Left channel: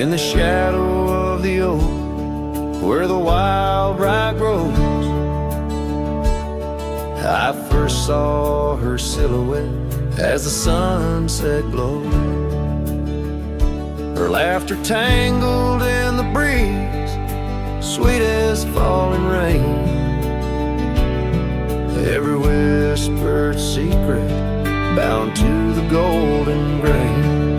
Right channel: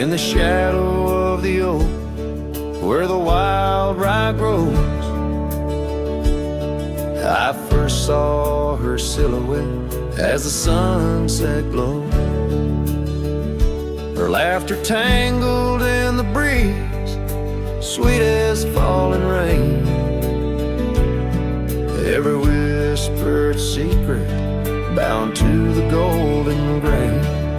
in the shadow of the oak, where the wild rye grows. I first saw her silhouette as the sunset glowed. Her laughter tangled in the breeze, sweet as falling rain. Every whispered secret bound to the golden grain.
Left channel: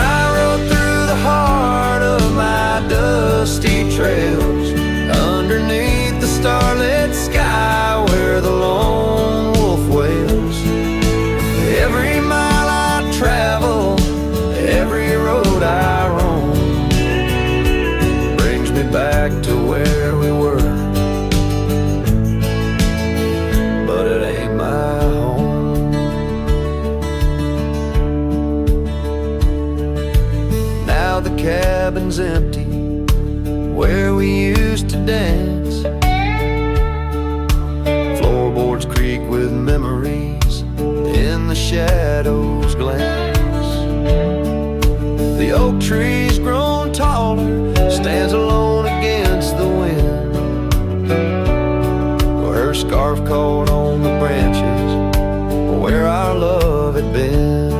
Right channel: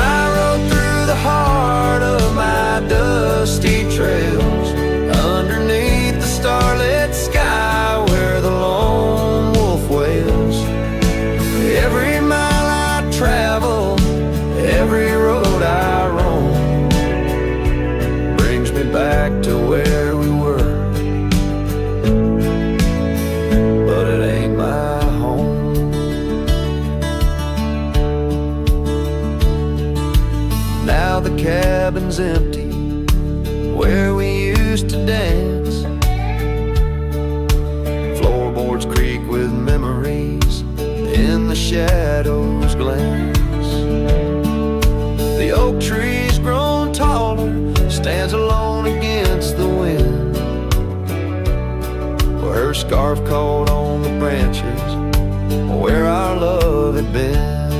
I rode through the heart of my dusty trails, underneath the starlit sky where the lone wolf wails. Every mile I travel, every road I roam, brings me back to where we were, but it ain't my home. Now the cabin's empty where we used to dance. Floorboards creak with memories, in the shadows glance. The oak tree's grown taller, stands alone against the wind, where her scarf caught on the branches where our love had been.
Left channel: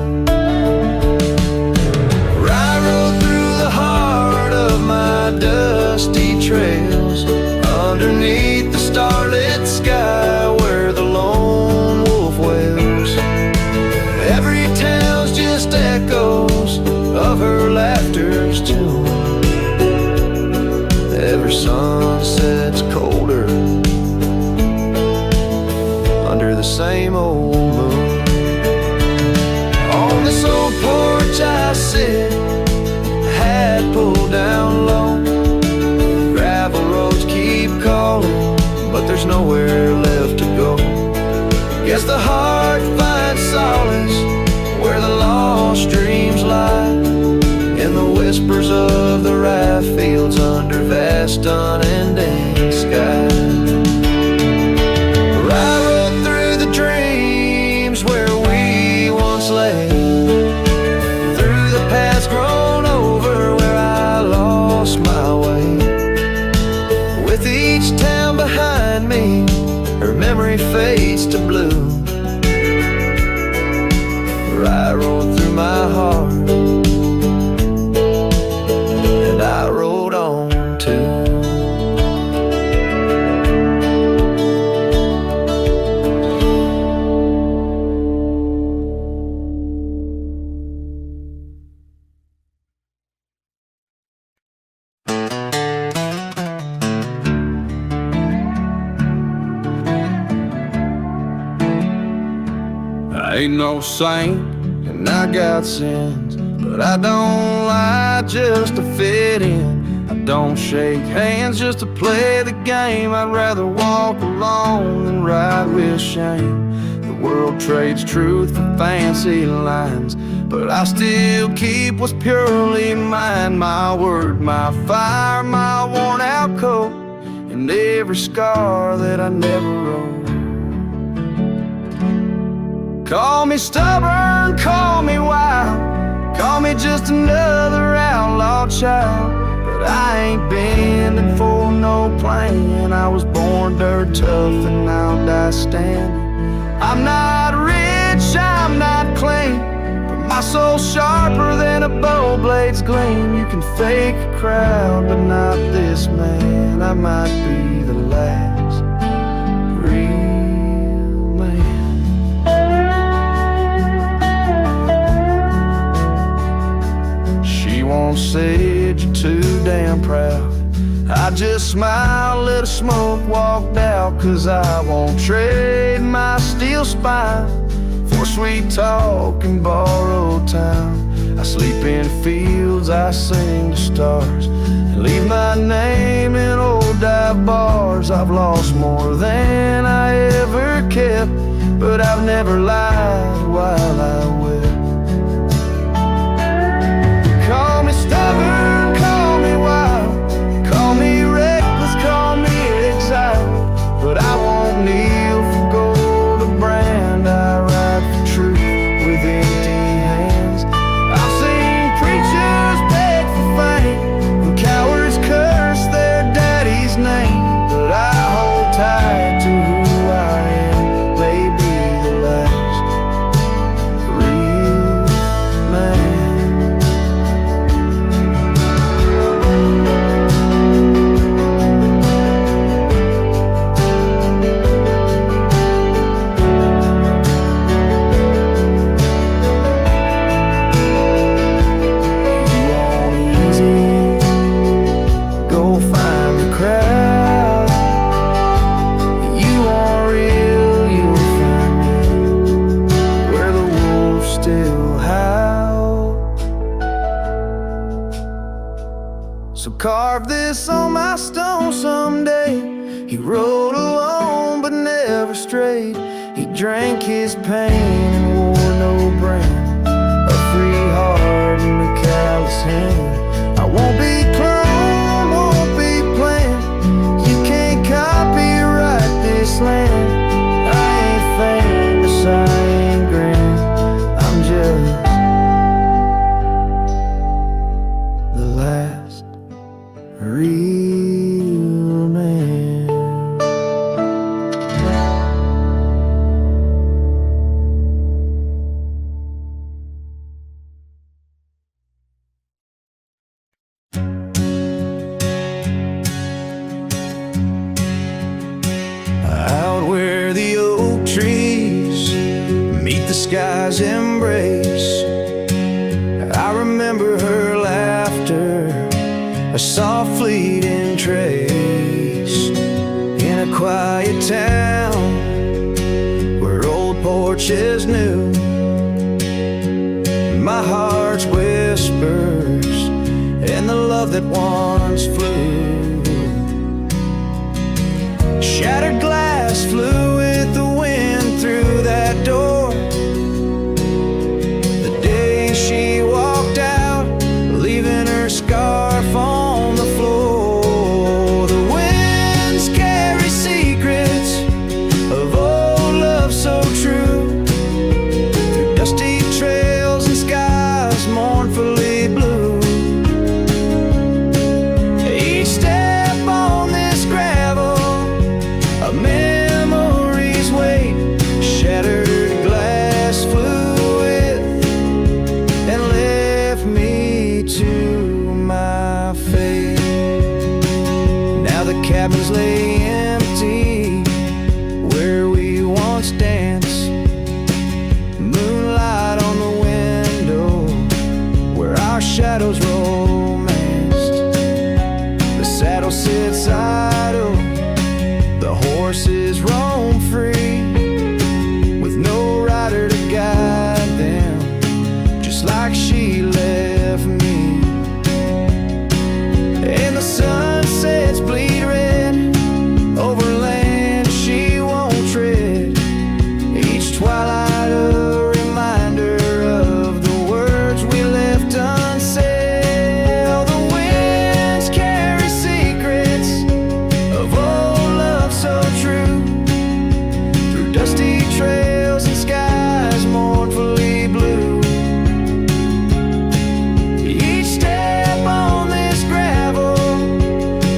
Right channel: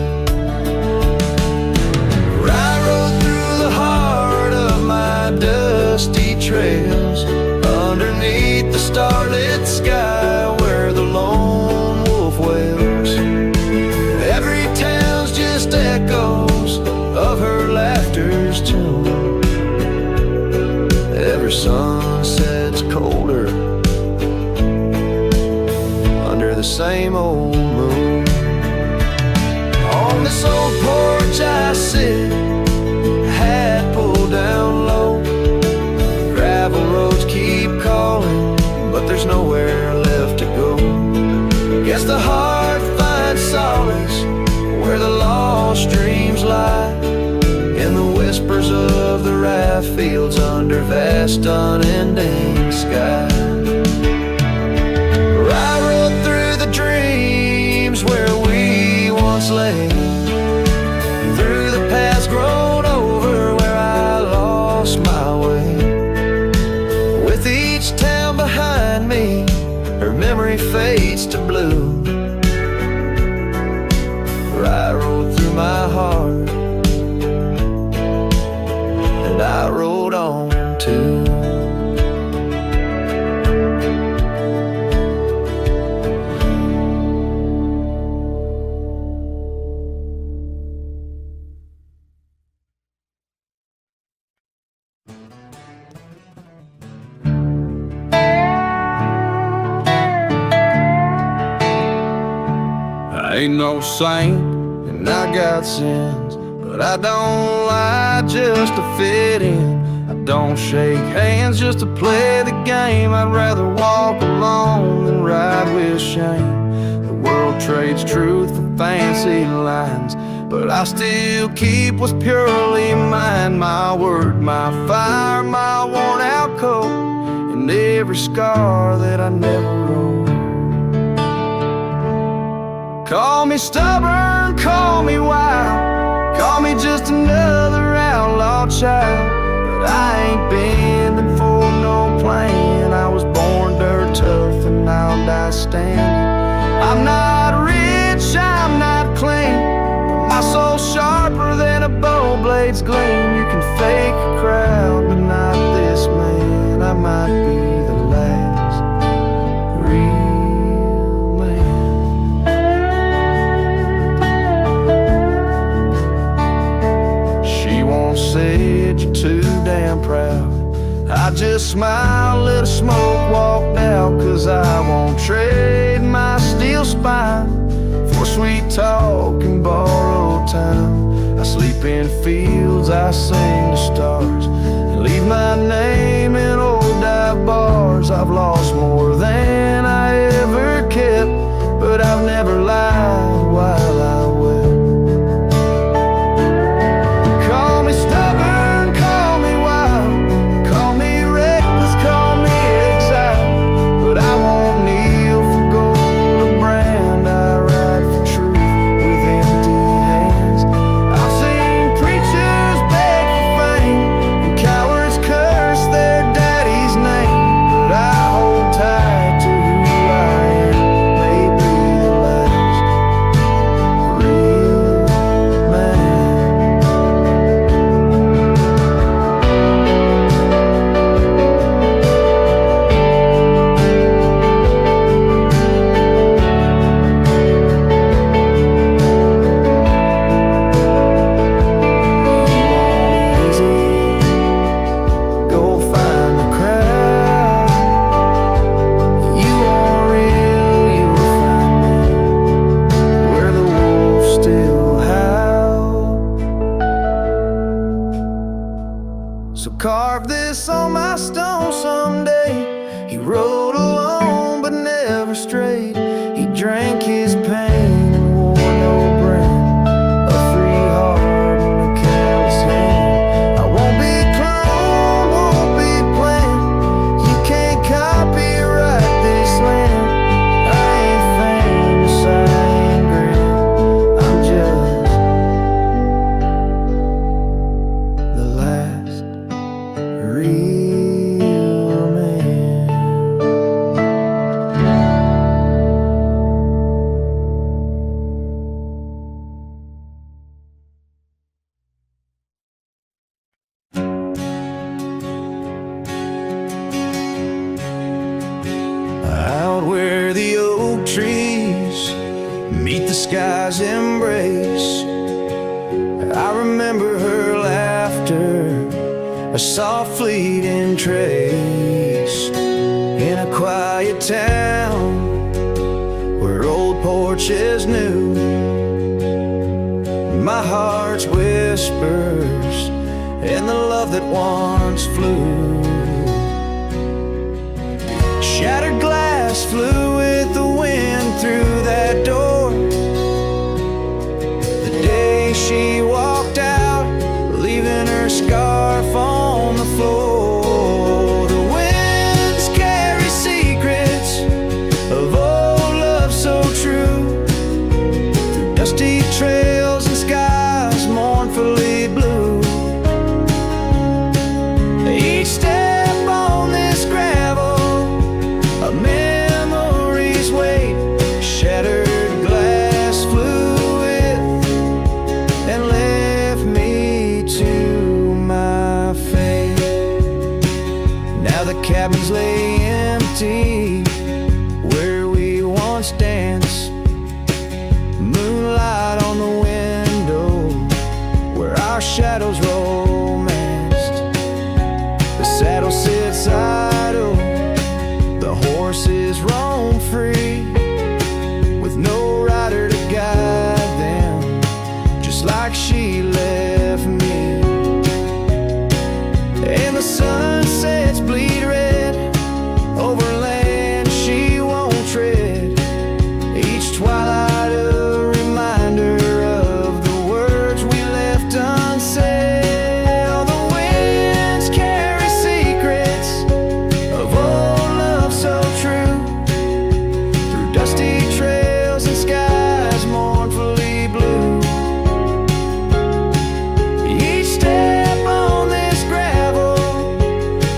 I rode through the heart of my dusty trails, underneath the starlit sky where the lone wolf wails. Every town's just echoes of her laughter's tune. Every sunset's colder under the same old moon. On this old porch I sit, hat pulled down low. Gravel roads keep calling, but there's nowhere left to go. Guess the heart finds solace where the lost dreams lie, in the whispers of the rye fields under vast unending sky. I rode through the dreams where we once lay, through the paths grown over where I lost my way. With each town behind me, her memory fades to blue. I rode through my heart, and I rode on too. I ain't no saint, and I got sins, but I don't lie just to fit in. I don't shake hands just to play the game. I'd rather walk alone than ride with shame. The world trades truth for fancy lines, but I still keep what's purely mine. My word, my fire, my worn out coat, and every scar that I never wrote. Call me stubborn, call me wild, call me just another outlaw child, but I ain't bending for no plan. I was born dirt tough and I'll die standing. I'm not rich, I'm not clean, but my soul's sharper than a bow blade's gleam. You can fake a crowd, but not this man. I might be the last real man. She once said you're too damn proud. I just smiled, let the smoke walked out, 'cause I won't trade my steel spine for sweet talk and borrowed time. I sleep in fields, I sing to stars, and leave my name in old dive bars. I've lost more than I ever kept, but I've never lied while I wept. Call me stubborn, call me wild, call me reckless, call me exiled, but I won't kneel for gold or brand. I ride for truth with empty hands. I've seen preachers go find the crowd. You are real, you'll find me where the wolves still howl. So carve this on my stone someday. He rode alone but never strayed. He drank his pain and wore no brand, a free heart and a callous hand. I won't be cloned, won't be planned. You can't copyright this land. I ain't famous, I ain't grand. I'm just the last real man. Out where the oak trees meet the sky's embrace, I remember her laughter, a soft fleeting trace. In a quiet town where old porches knew my heart's whispers and the love that once flew. Shattered glass flew with the wind through that door the day she walked out, leaving her scarf on the floor. The winds carry secrets of old love so true, through dusty trails and skies mournfully blue. Each step on this gravel, a memory's weight, shattered glass flew with and left me to my fate. Now the cabins lay empty where we once danced, moonlight on the window where our shadows romanced. The saddle sits idle, the horses roam free, with no rider to guide them, just like she left me. And the sunsets bleed red over land she won't tread, each twilight a reminder of the words we left unsaid. All the winds carry secrets of old love so true, through dusty trails and skies mournfully blue. Each step on this gravel,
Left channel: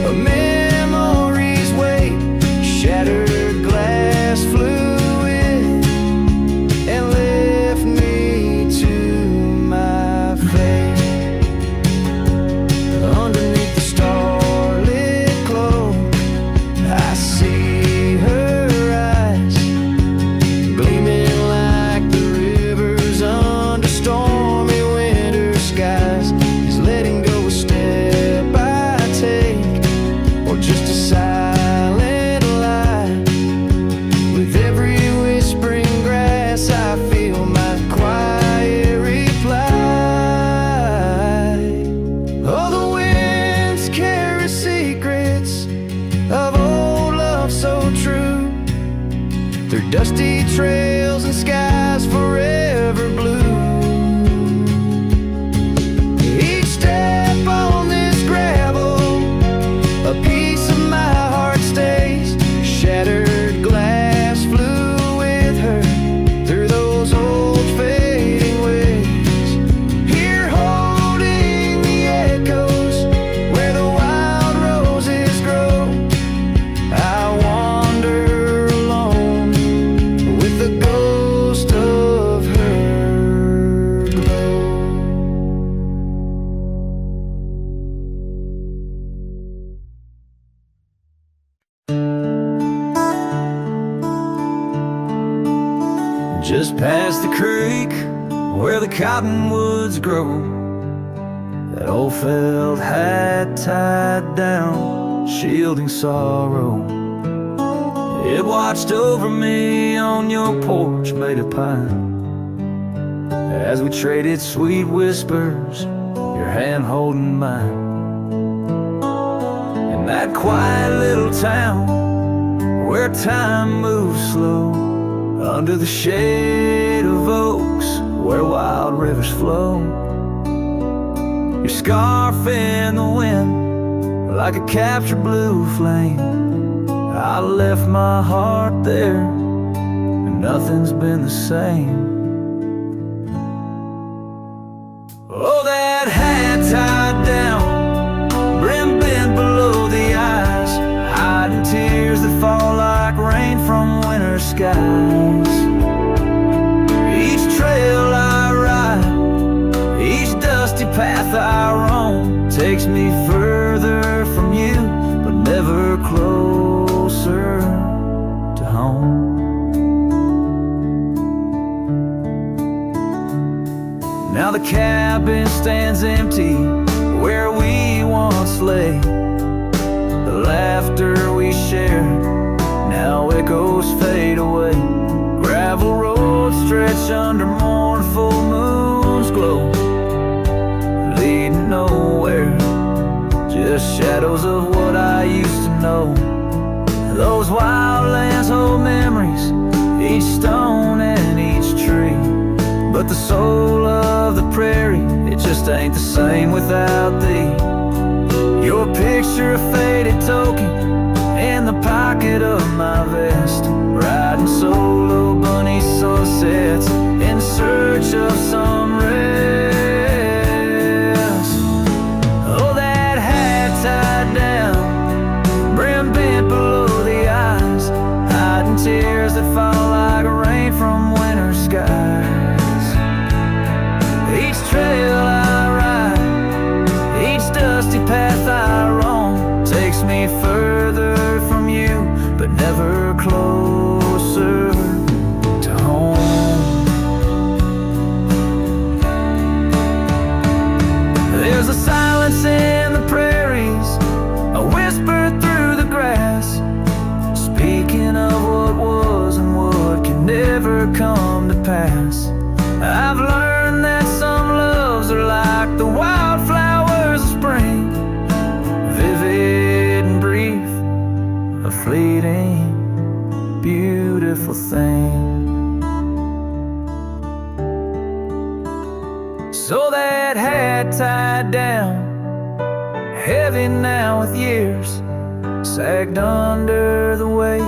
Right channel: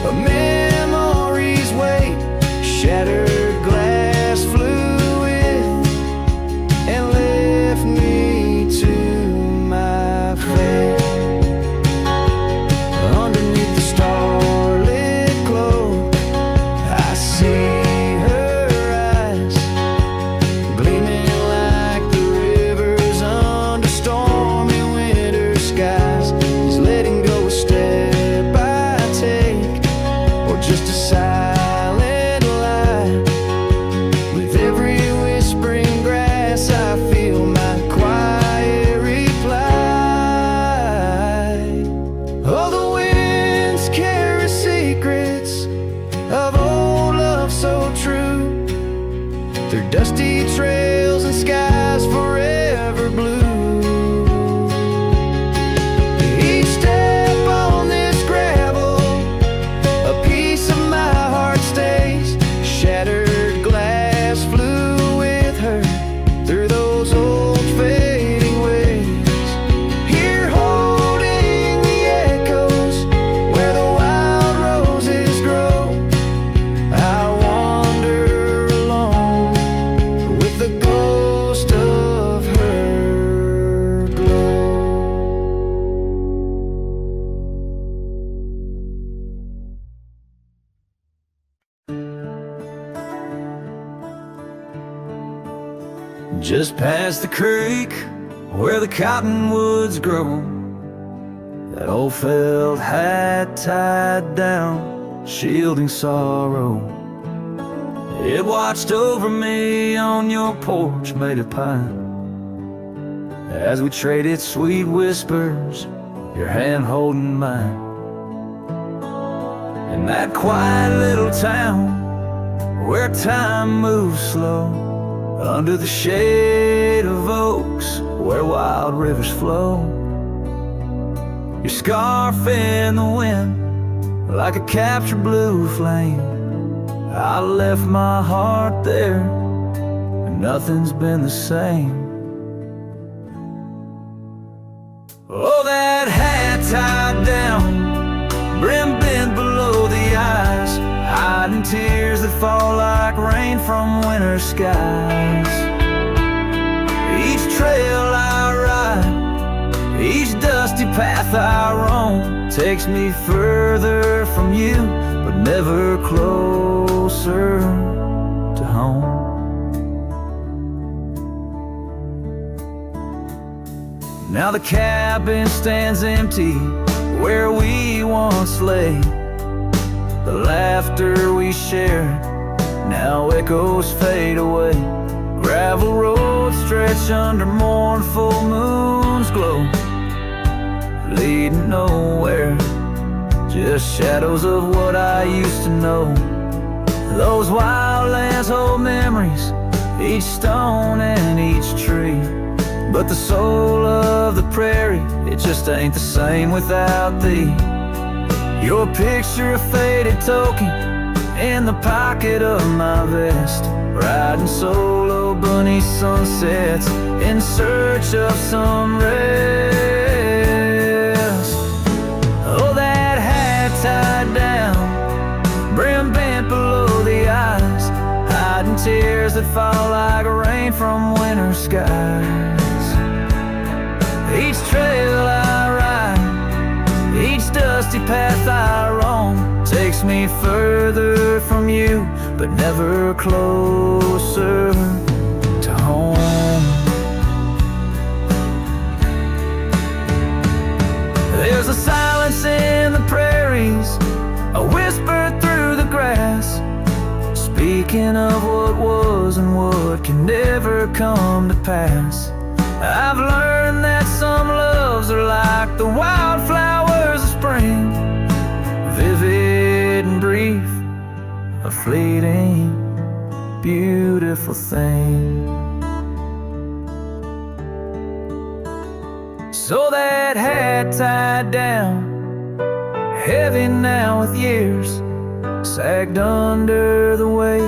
a memory's weight, shattered glass flew with and left me to my fate. Underneath the starlit cloak, I see her eyes, gleaming like the rivers under stormy winter skies. Is letting go a step I take, or just a silent lie? With every whispering grass I feel my quiet reply. Oh, the winds carry secrets of old love so true, through dusty trails and skies forever blue. Each step on this gravel, a piece of my heart stays, shattered glass flew with her through those old fading ways. Here holding the echoes where the wild roses grow, I wander alone with the ghost of her glow. Just past the creek where the cottonwoods grow, that old felt hat tied down, shielding sorrow. It watched over me on your porch made of pine, as we traded sweet whispers, your hand holding mine. In that quiet little town where time moves slow, under the shade of oaks where wild rivers flow, your scarf in the wind like a captured blue flame. I left my heart there, and nothing's been the same. Oh, that hat tied down, brim bent below the eyes, hiding tears that fall like rain from winter skies. Each trail I ride, each dusty path I roam, takes me further from you, but never closer to home. Now the cabin stands empty where we once lay. The laughter we shared now echoes fade away. Gravel roads stretch under mournful moon's glow, leading nowhere, just shadows of what I used to know. Those wild lands hold memories, each stone and each tree, but the soul of the prairie, it just ain't the same without thee. Your picture, a faded token in the pocket of my vest, riding solo bunny sunsets in search of some rest. Oh, that hat tied down, brim bent below the eyes, hiding tears that fall like rain from winter skies. Each trail I ride, each dusty path I roam, takes me further from you, but never closer to home. There's a silence in the prairies, a whisper through the grass, speaking of what was and what can never come to pass. I've learned that some loves are like the wildflowers of spring, vivid and brief, a fleeting, beautiful thing. So that hat tied down, heavy now with years, sagged under the weight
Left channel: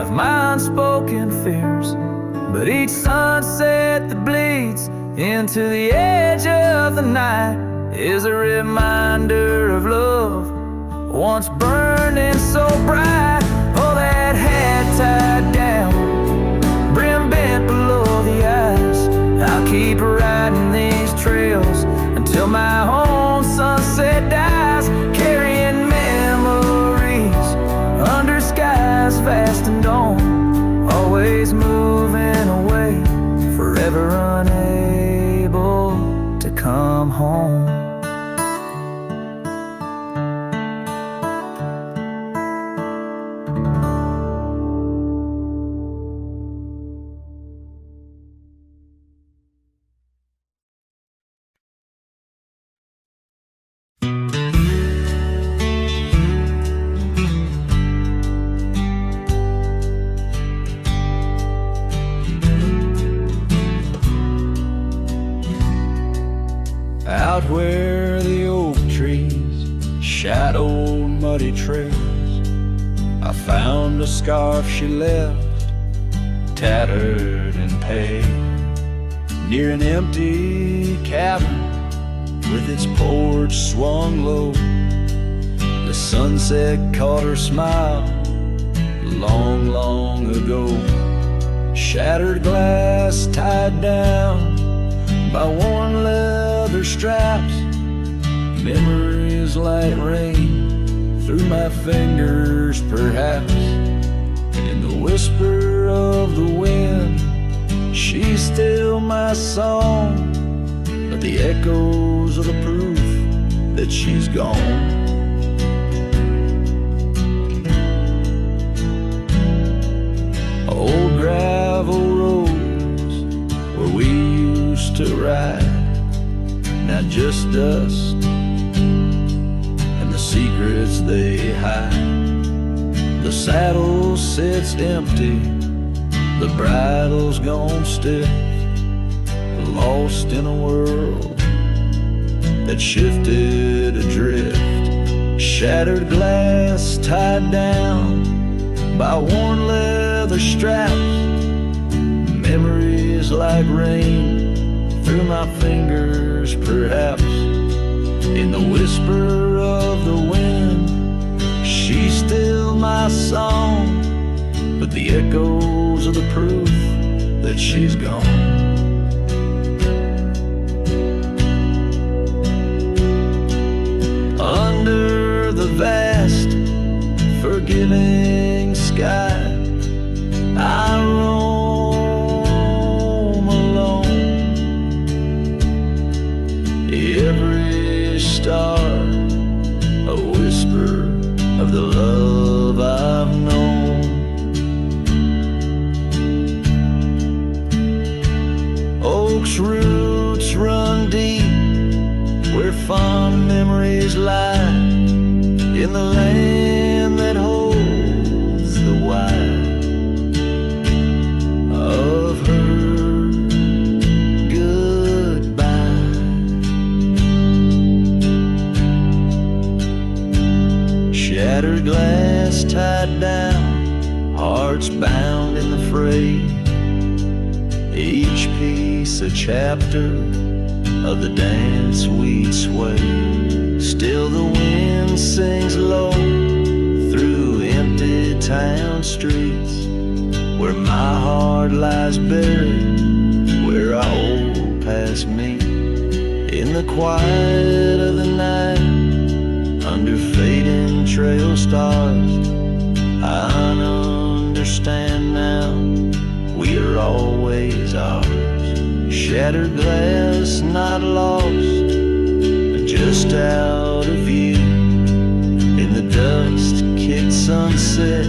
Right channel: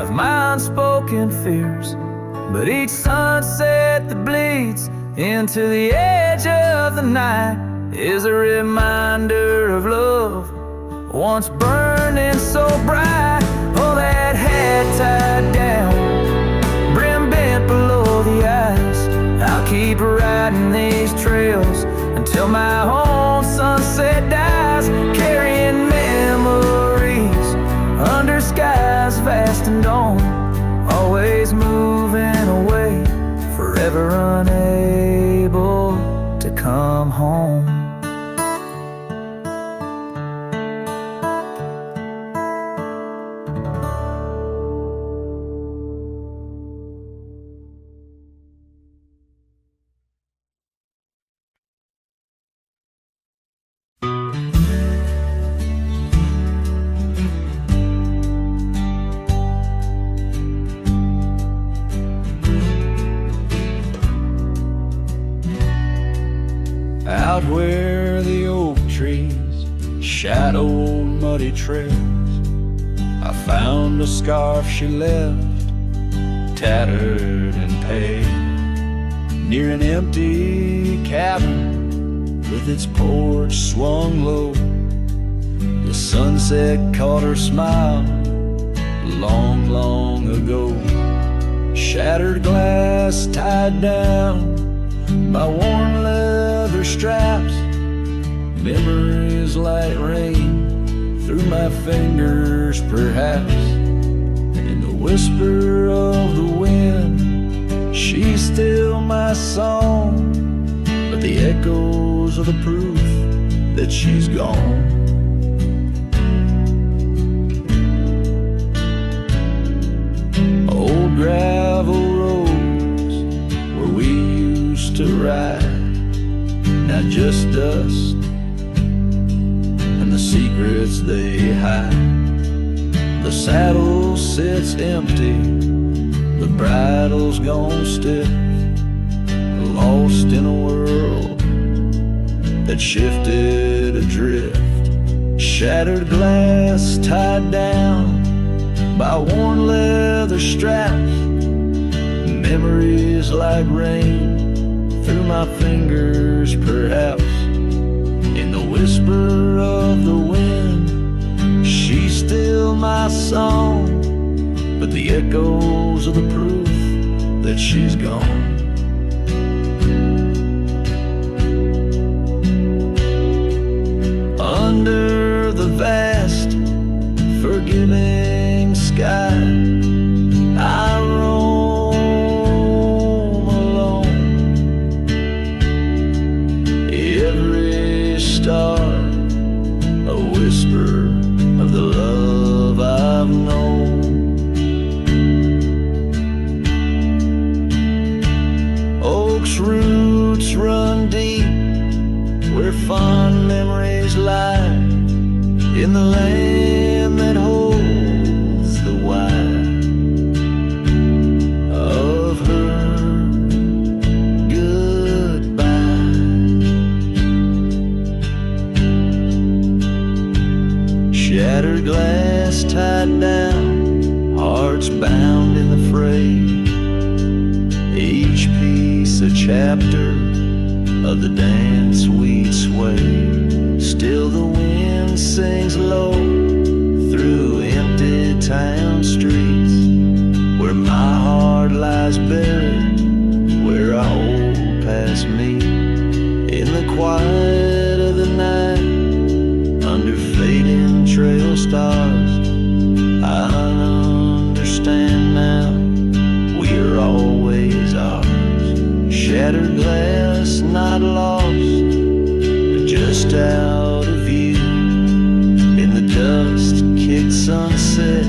of my unspoken fears. But each sunset that bleeds into the edge of the night is a reminder of love once burning so bright. Oh, that hat tied down, brim bent below the eyes, I'll keep riding these trails until my own sunset dies, carrying memories under skies vast and dawn, always moving away, forever unable to come home. Out where the oak trees shadowed muddy trails, I found a scarf she left, tattered and pale, near an empty cabin with its porch swung low. The sunset caught her smile long, long ago. Shattered glass tied down by worn leather straps, memories like rain through my fingers perhaps. In the whisper of the wind, she's still my song, but the echoes are the proof that she's gone. Old gravel roads where we used to ride, now just dust and the secrets they hide. The saddle sits empty, the bridle's gone stiff, lost in a world that shifted adrift. Shattered glass tied down by worn leather straps, memories like rain through my fingers perhaps. In the whisper of the wind, she's still my song, but the echoes are the proof that she's gone. Under the vast, forgiving sky, I roam alone. Every star, a whisper of the love I've known. Oak's roots run deep where fond memories lie, in the land that holds the why of her goodbye. Shattered glass tied down, hearts bound in the fray, each piece a chapter of the dance we'd sway. Still the wind sings low through empty town streets, where my heart lies buried, where our old past meet. In the quiet of the night, under fading trail stars, I understand now, we are always ours. Shattered glass not lost, but just out of view. In the dust-kicked sunset,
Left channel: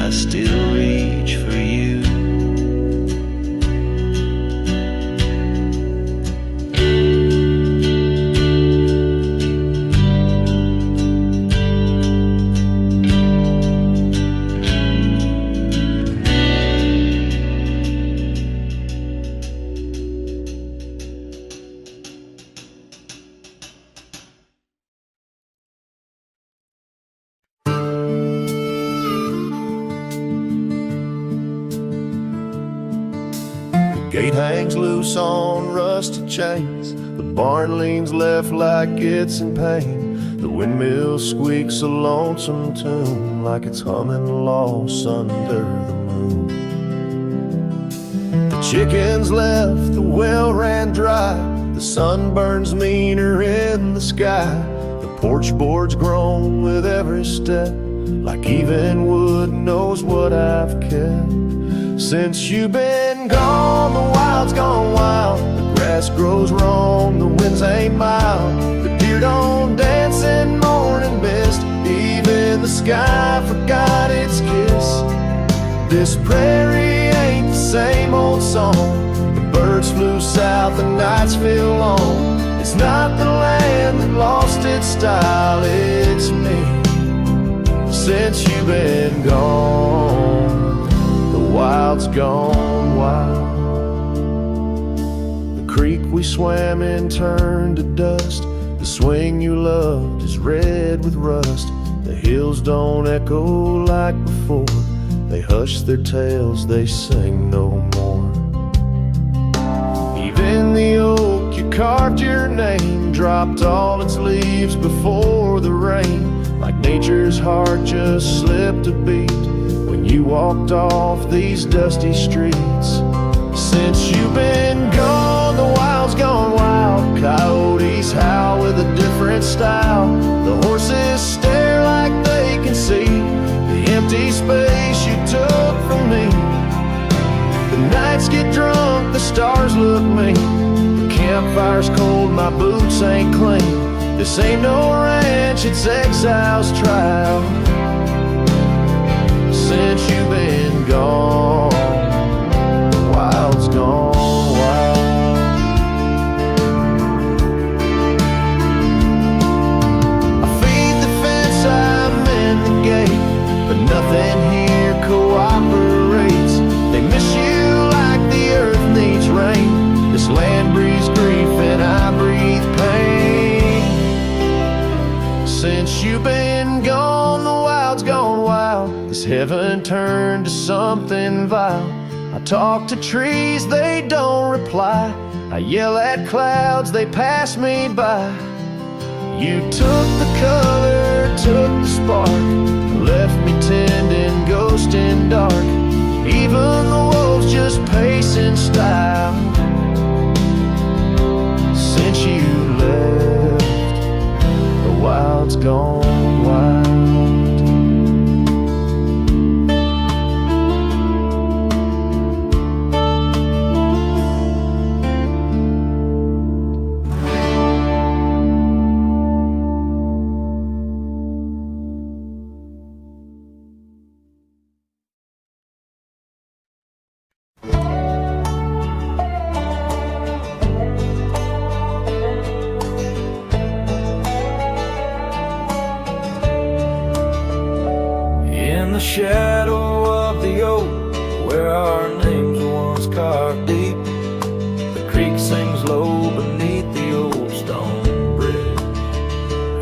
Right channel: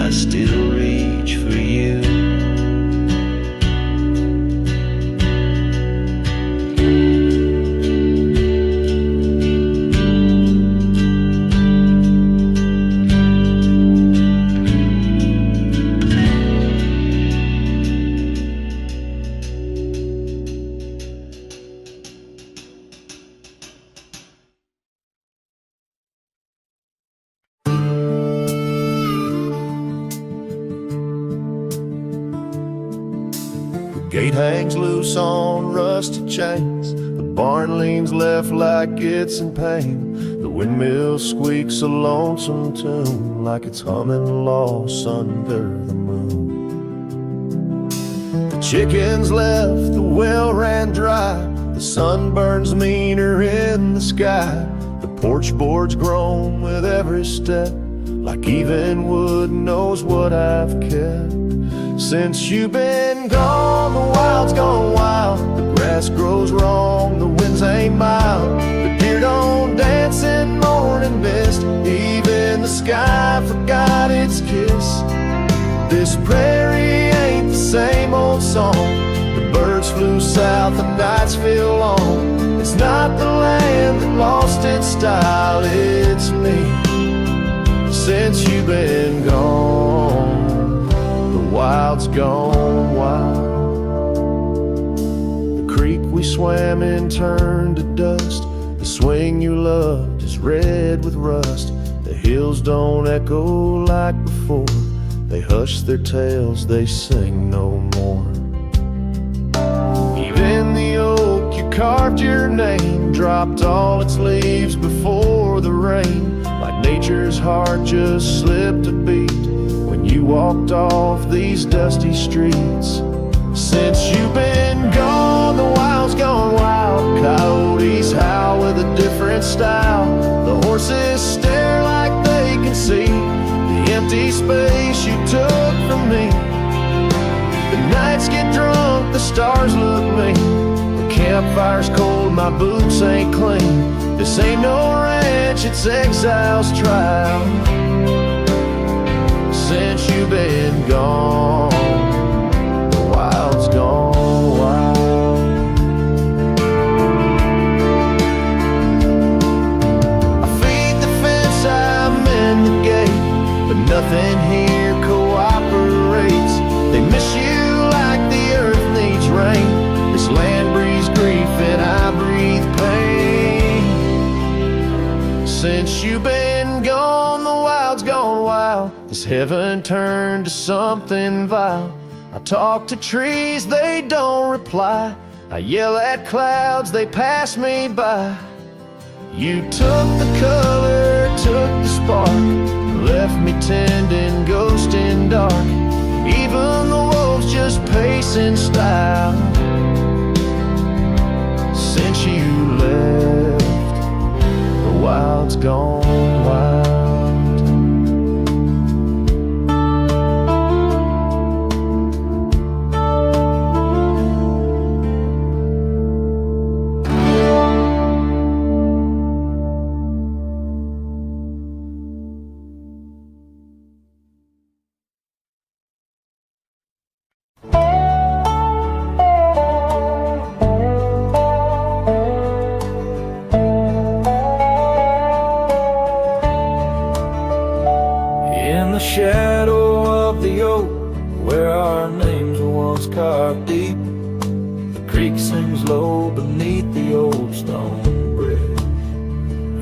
I still reach for you. Gate hangs loose on rusted chains, the barn leans left like it's in pain. The windmill squeaks a lonesome tune, like it's humming lost under the moon. The chickens left, the well ran dry, the sun burns meaner in the sky. The porch board's grown with every step, like even wood knows what I've kept. Since you've been gone, the wild's gone wild. The grass grows wrong, the winds ain't mild. The deer don't dance in morning mist, even the sky forgot its kiss. This prairie ain't the same old song. The birds flew south, the nights feel long. It's not the land that lost its style, it's me. Since you've been gone, the wild's gone wild. The creek we swam in turned to dust. The swing you loved is red with rust. The hills don't echo like before. They hush their tales, they sing no more. Even the oak you carved your name dropped all its leaves before the rain, like nature's heart just slipped a beat when you walked off these dusty streets. Since you've been gone, the wild's gone wild. Coyotes howl with a different style. The horses stare like they can see the empty space you took from me. The nights get drunk, the stars look mean. The campfire's cold, my boots ain't clean. This ain't no ranch, it's exile's trial. Since you've been gone, the wild's gone wild. I feed the fence, I'm in the gate, but nothing here cooperates. They miss you like the earth needs rain. This land breathes grief and I breathe pain. Since you've been gone, the wild's gone wild. This heaven turned to something vile. I talk to trees, they don't reply. I yell at clouds, they pass me by. You took the color, took the spark, left me tending, ghosting dark. Even the wolves just pace in style. Since you left, the wild's gone wild. In the shadow of the oak, where our names were once carved deep, the creek sings low beneath the old stone bridge.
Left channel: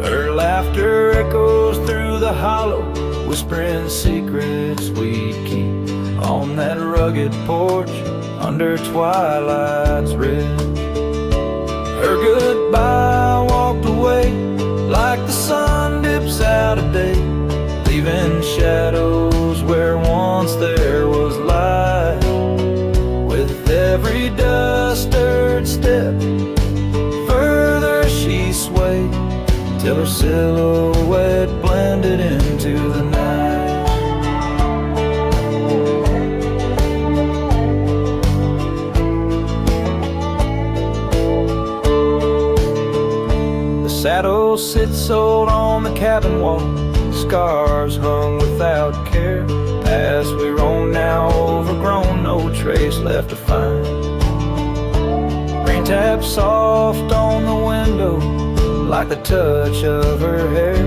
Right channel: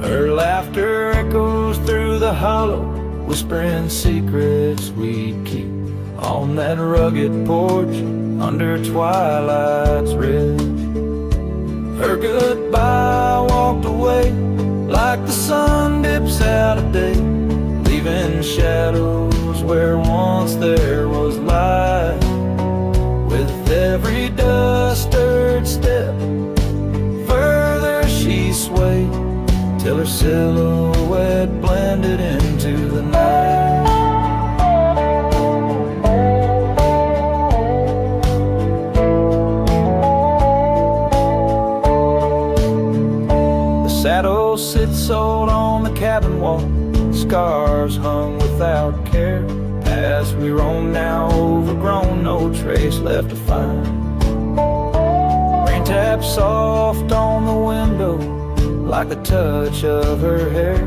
Her laughter echoes through the hollow, whispering secrets we'd keep on that rugged porch under twilight's ridge. Her goodbye walked away like the sun dips out of day, leaving shadows where once there was light. With every dust-stirred step, further she swayed, till her silhouette blended into the night. The saddle sits old on the cabin wall, scars hung without care. Past we roam now overgrown, no trace left to find. Rain taps soft on the window like the touch of her hair.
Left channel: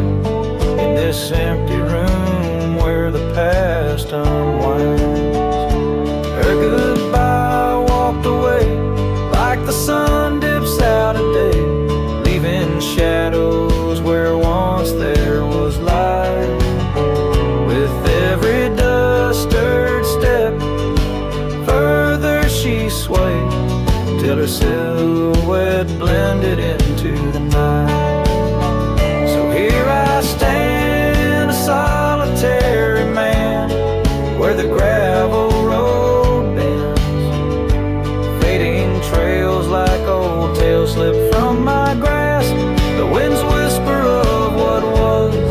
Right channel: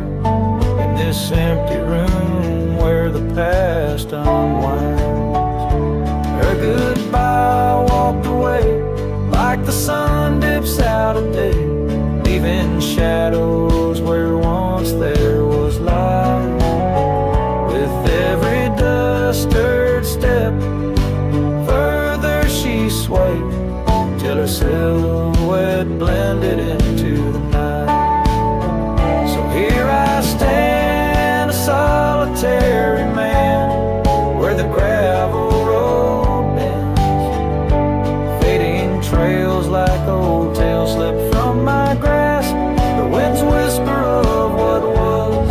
In this empty room where the past unwinds, her goodbye walked away like the sun dips out of day, leaving shadows where once there was light. With every dust-stirred step, further she swayed, till her silhouette blended into the night. So here I stand, a solitary man, where the gravel road bends. Fading trails like old tales slip from my grasp, the wind's whisper of what was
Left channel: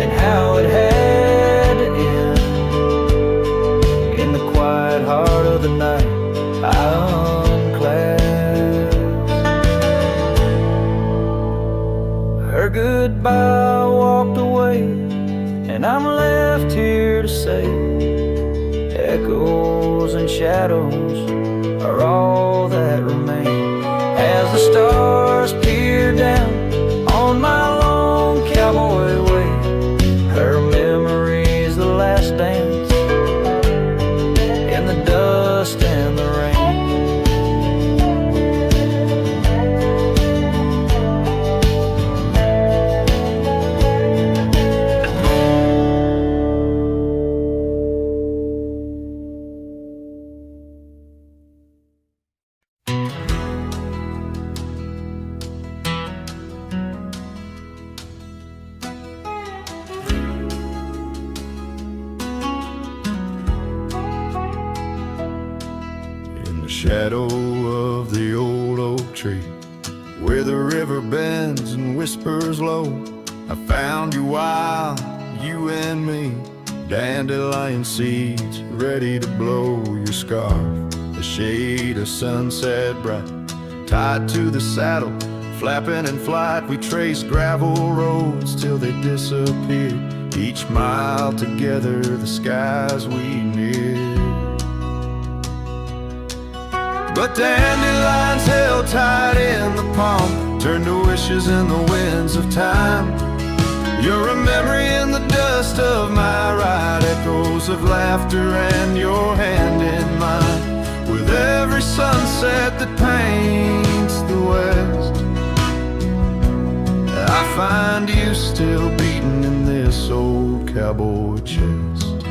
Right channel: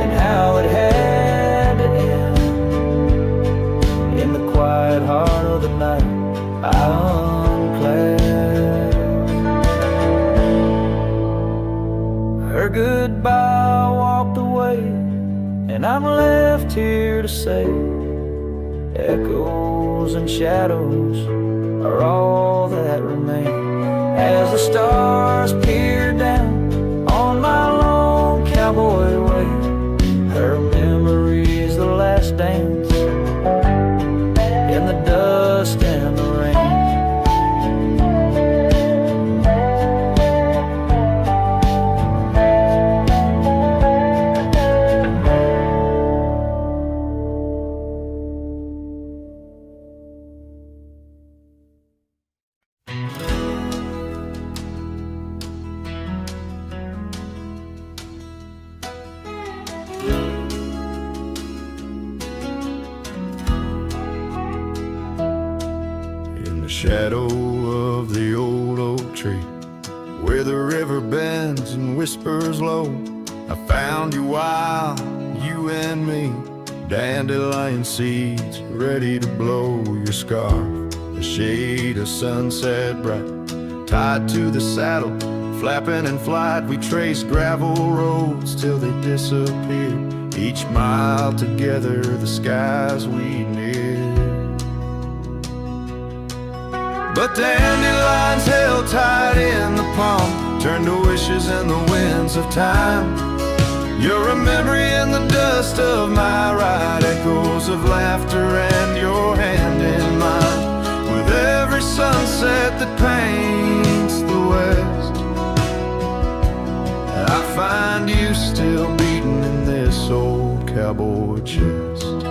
and how it had to end. In the quiet heart of the night, I unclasp. Her goodbye walked away, and I'm left here to say, echoes and shadows are all that remain. As the stars peer down on my long cowboy way, her memory's the last dance in the dust and the rain. In the shadow of the old oak tree, where the river bends and whispers low, I found you wild, you and me, dandelion seeds ready to blow. Your scarf, the shade of sunset bright, tied to the saddle, flapping in flight. We traced gravel roads till they disappeared. Each mile together, the skies we neared. But dandelions held tight in the palm turned to wishes in the winds of time. You're a memory in the dust of my ride, echoes of laughter and your hand in mine. With every sunset that paints the west, I find you still beating in this old cowboy chest.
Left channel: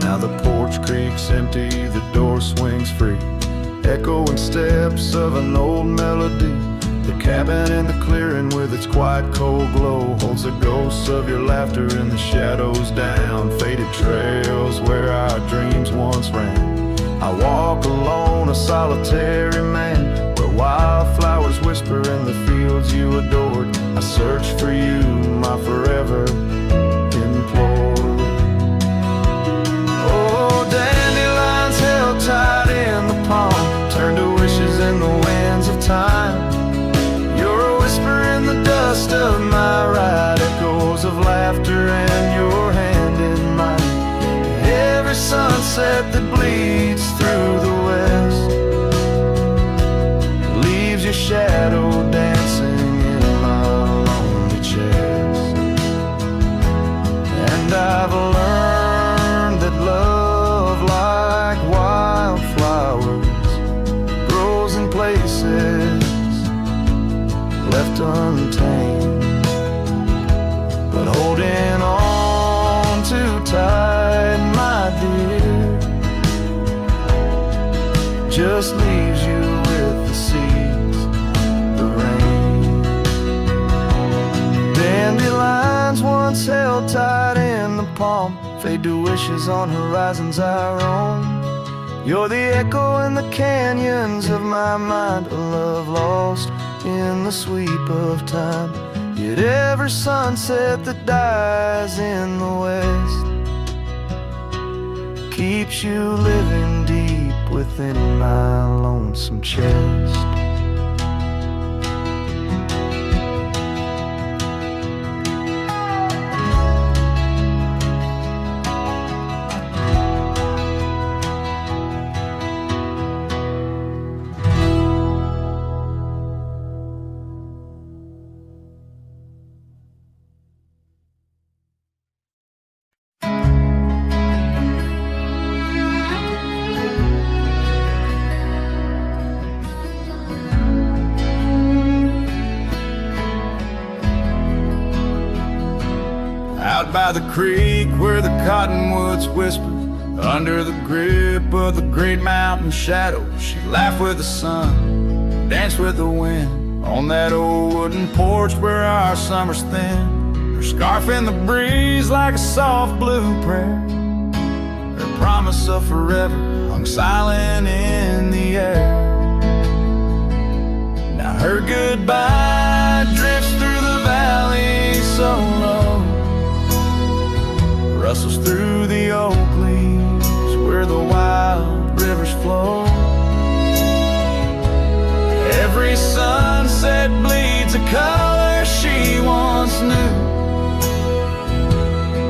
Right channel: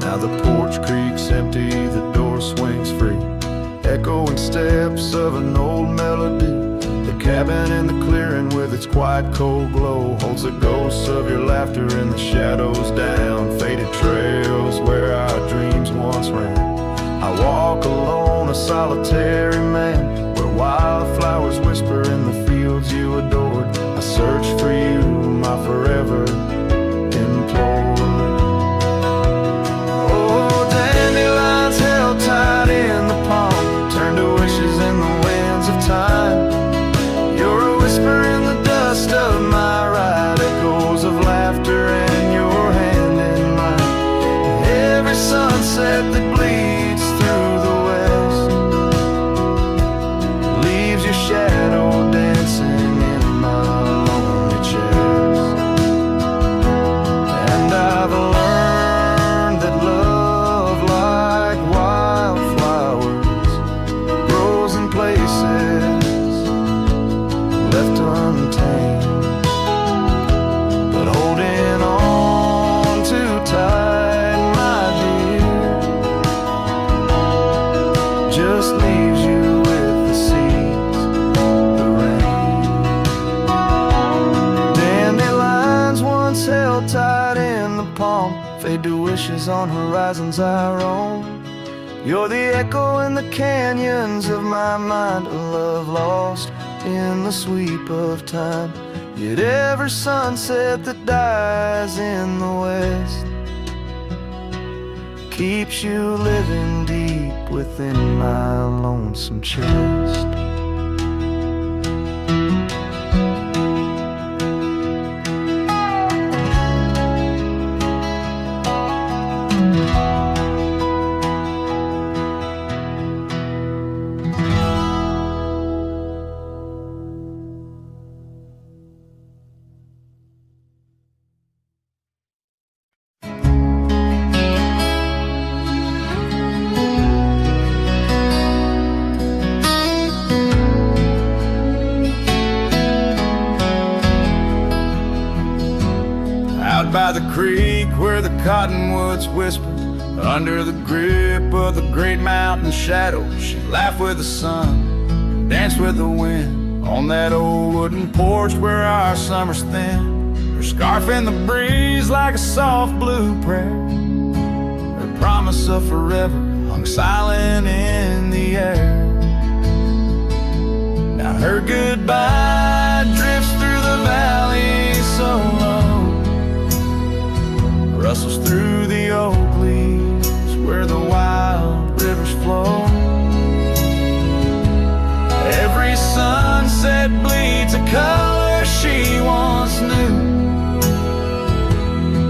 Now the porch creaks empty, the door swings free, echoing steps of an old melody. The cabin in the clearing with its quiet cold glow holds the ghosts of your laughter in the shadows down faded trails where our dreams once ran. I walk alone, a solitary man, where wildflowers whisper in the fields you adored. I search for you, my forever implored. Oh, dandelions held tight in the palm turn to wishes in the winds of time. You're a whisper in the dust of my ride, echoes of laughter and your hand in mine. Every sunset that bleeds through the west leaves your shadow dancing in my lonely chest. And I've learned that love, like wildflowers, grows in places left untamed. But holding on too tight, my dear, just leaves you with the seeds, the rain. Dandelions once held tight in the palm fade to wishes on horizons our own. You're the echo in the canyons of my mind, a love lost in the sweep of time. Yet every sunset that dies in the west keeps you living deep within my lonesome chest. Out by the creek where the cottonwoods whisper, under the grip of the great mountain shadow, she laughed with the sun, danced with the wind, on that old wooden porch where our summers thin. Her scarf in the breeze like a soft blue prayer, her promise of forever hung silent in the air. Now her goodbye drifts through the valley so low, rustles through the oak leaves where the wild rivers flow. Every sunset bleeds a color she once knew,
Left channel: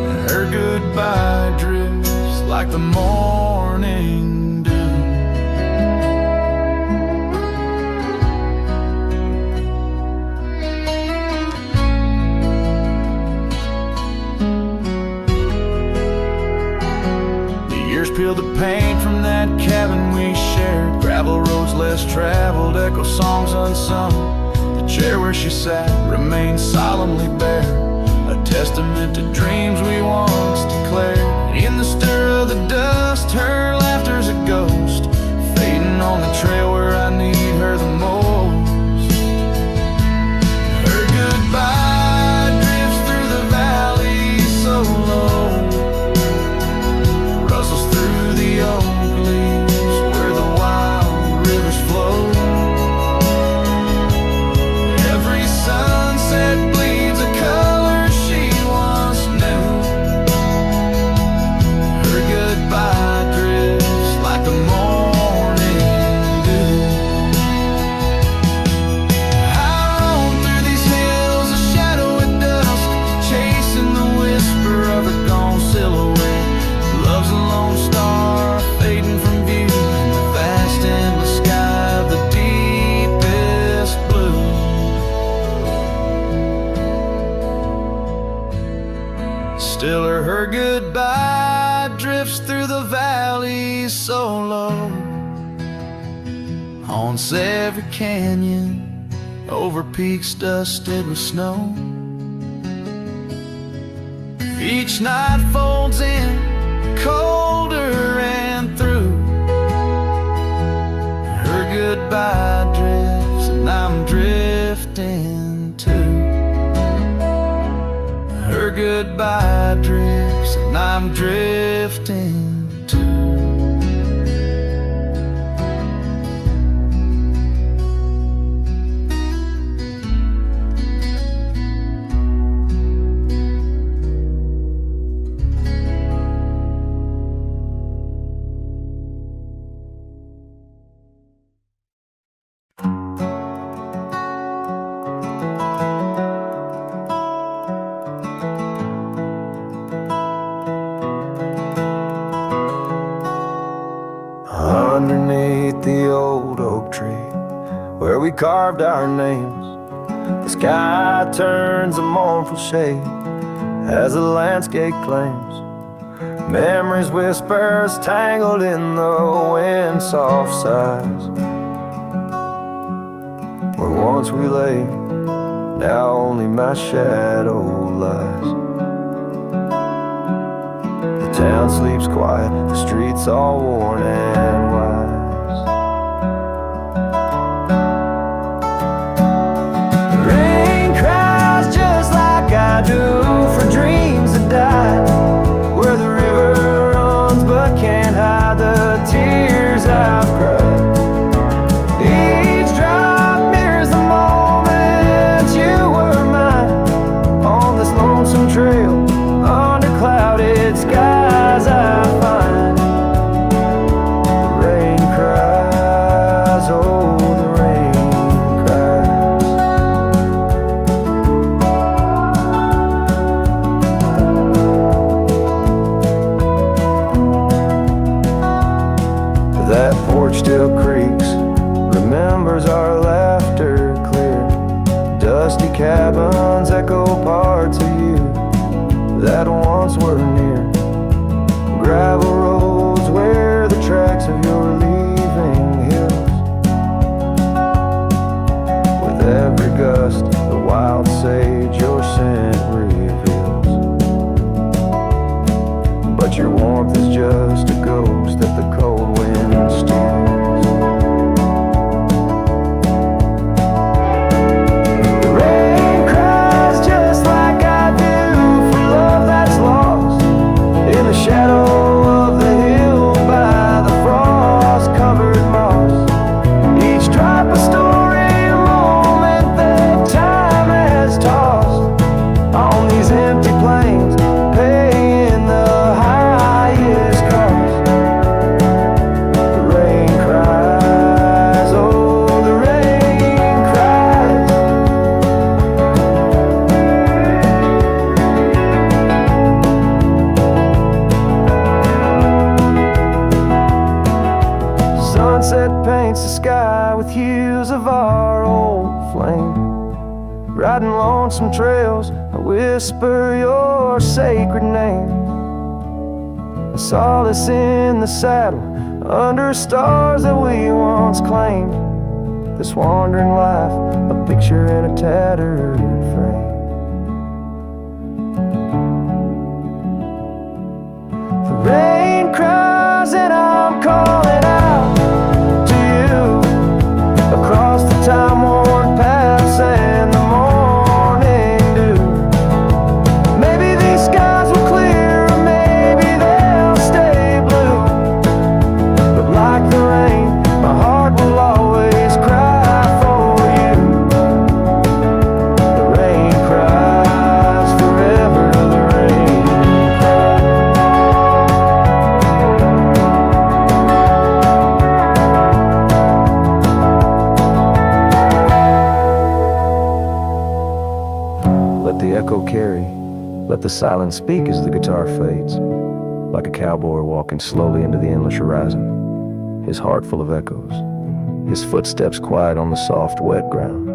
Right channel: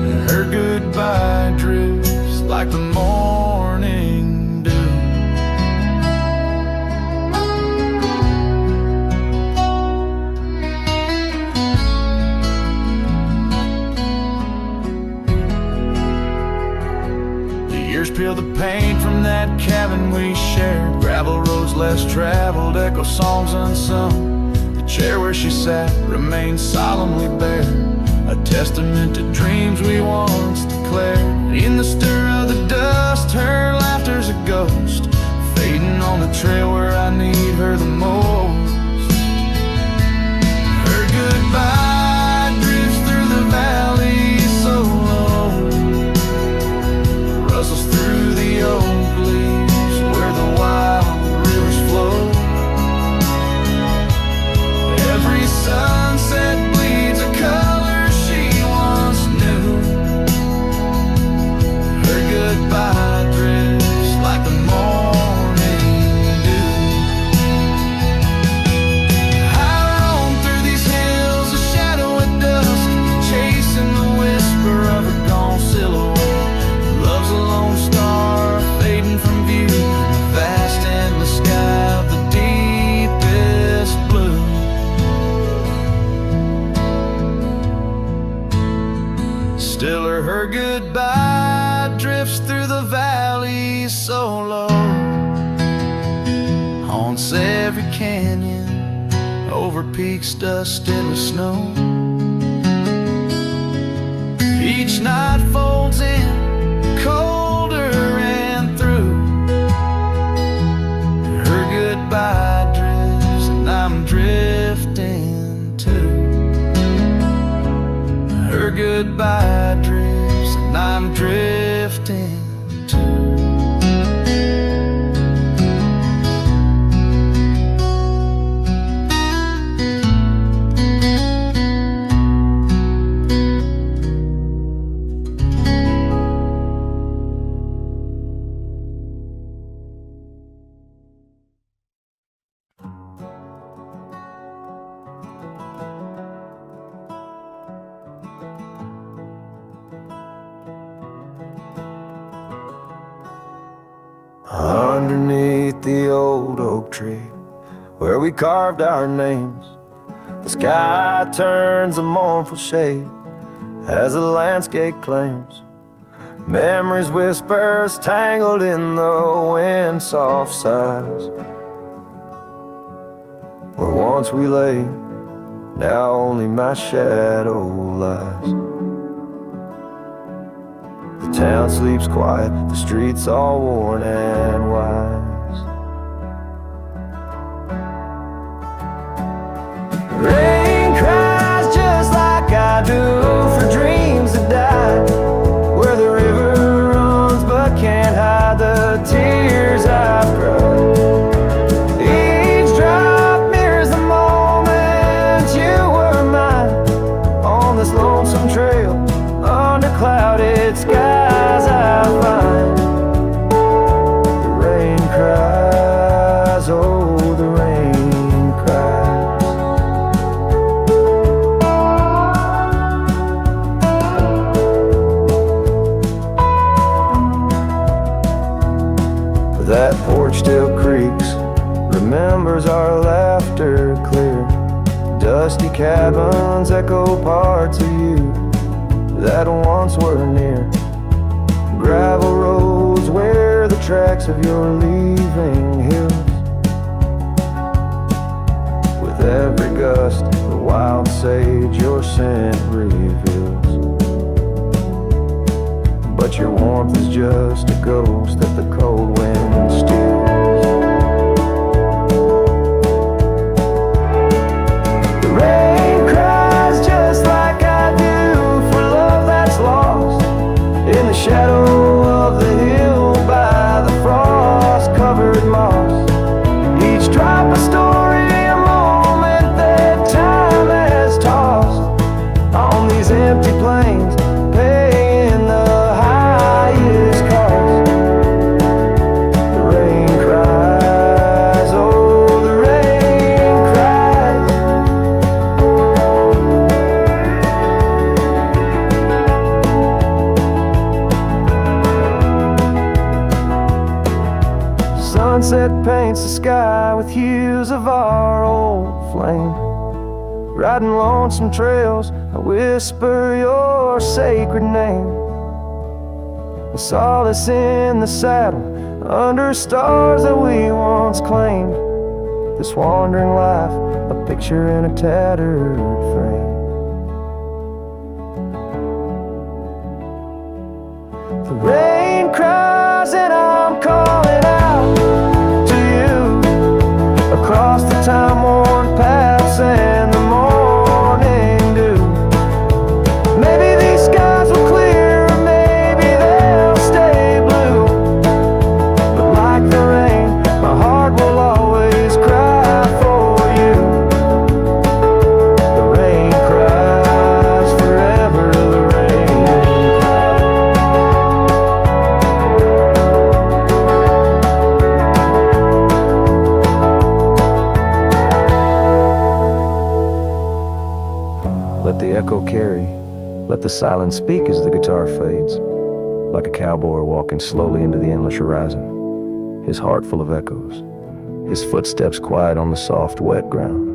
and her goodbye drifts like the morning dew. Years peeled the paint from that cabin we shared, gravel roads less traveled, echo songs unsung. The chair where she sat remains solemnly bare, a testament to dreams we once declared. In the stir of the dust, her laughter's a ghost, fading on the trail where I need her the most. Her goodbye drifts through the valley so low, rustles through the oak leaves where the wild rivers flow. Every sunset bleeds a color she once knew, her goodbye drifts like the morning dew. Still her goodbye drifts through the valleys so low, haunts every canyon, over peaks dusted with snow. Each night folds in colder and through. Her goodbye drifts and I'm drifting too. Her goodbye drifts and I'm drifting too. Underneath the old oak tree where we carved our names, the sky turns a mournful shade as the landscape claims. Memories whispers tangled in the wind soft sighs. Where once we lay, now only my shadow lies. The town sleeps quiet, the streets all worn and wise. Rain cries just like I do for dreams that died, where the river runs but can't hide the tears I've cried. Each drop mirrors the moment you were mine, on this lonesome trail under clouded skies I find. The rain cries, oh the rain cries. That porch still creaks, remembers our laughter clear. Dusty cabins echo parts of you that once were near. Gravel roads where the tracks of your leaving hills. With every gust, the wild sage your scent reveals. But your warmth is just a ghost that the cold wind steals. The rain cries just like I do for love that's lost in the shadow of the hill by the frost-covered moss. Each drop a story, a moment that time has tossed on these empty plains, paying the highest cost. The rain cries, oh the rain cries. Sunset paints the sky with hues of our old flame. Riding lonesome trails, I whisper your sacred name. A solace in the saddle, under stars that we once claimed. This wandering life, a picture in a tattered frame. The rain cries and I'm calling out to you across the time-worn paths and the morning dew. Maybe these skies will clear, or maybe they'll stay blue. But like the rain, my heart will always cry for you. The rain cries forever, the rain cries. Let the echo carry, let the silence speak as the guitar fades, like a cowboy walking slowly into the endless horizon, his heart full of echoes, his footsteps quiet on the soft, wet ground.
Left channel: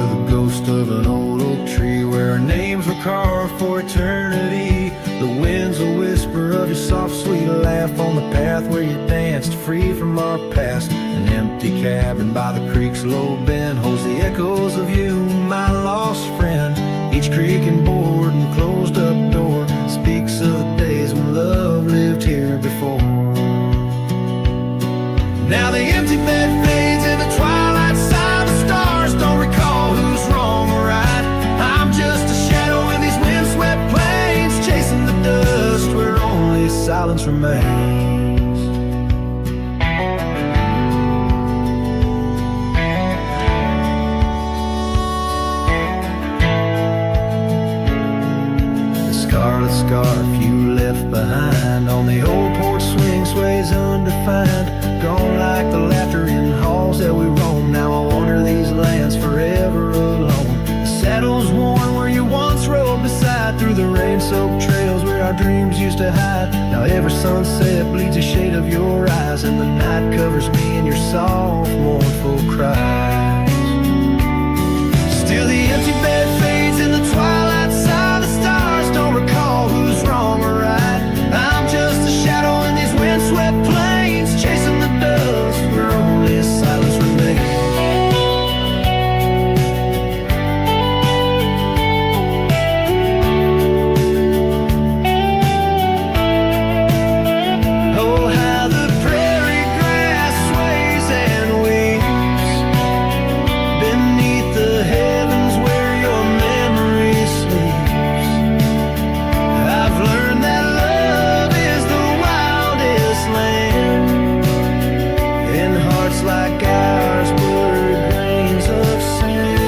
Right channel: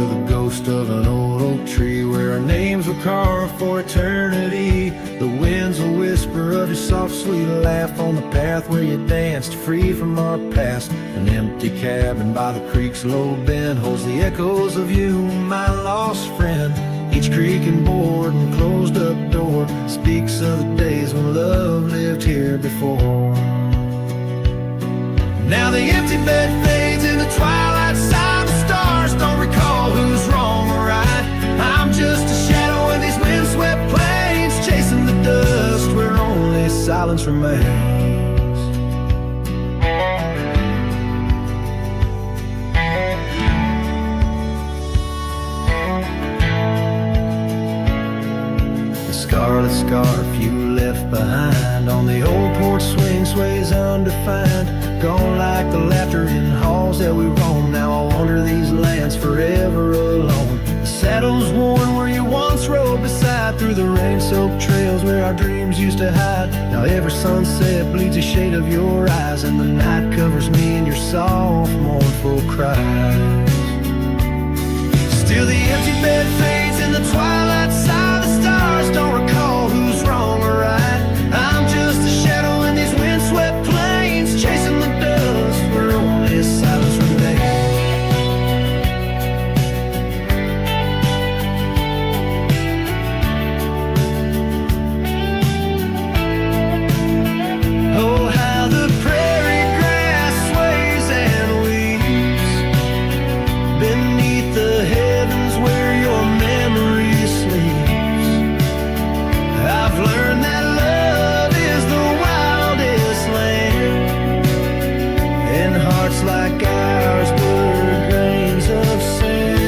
to the ghost of an old oak tree where our names were carved for eternity. The wind's a whisper of your soft, sweet laugh on the path where you danced free from our past. An empty cabin by the creek's low bend holds the echoes of you, my lost friend. Each creak and board and closed up door speaks of the days when love lived here before. Now the empty bed fades in the twilight side. The stars don't recall who's wrong or right. I'm just a shadow in these windswept plains, chasing the dust where only silence remains. Scarlet scarf you left behind on the old porch swing sways undefined. Gone like the laughter in halls that we roam. Now I wander these lands forever alone. The saddle's worn where you once rode beside, through the rain-soaked trails where our dreams used to hide. Now every sunset bleeds a shade of your eyes, and the night covers me in your soft, mournful cries. Still the empty bed fades in the twilight side. The stars don't recall who's wrong or right. I'm just a shadow in these windswept plains, chasing the dust where only silence remains. Oh, how the prairie grass sways and weeps beneath the heavens where your memory sleeps. I've learned that love is the wildest land, and hearts like ours were grains of sand.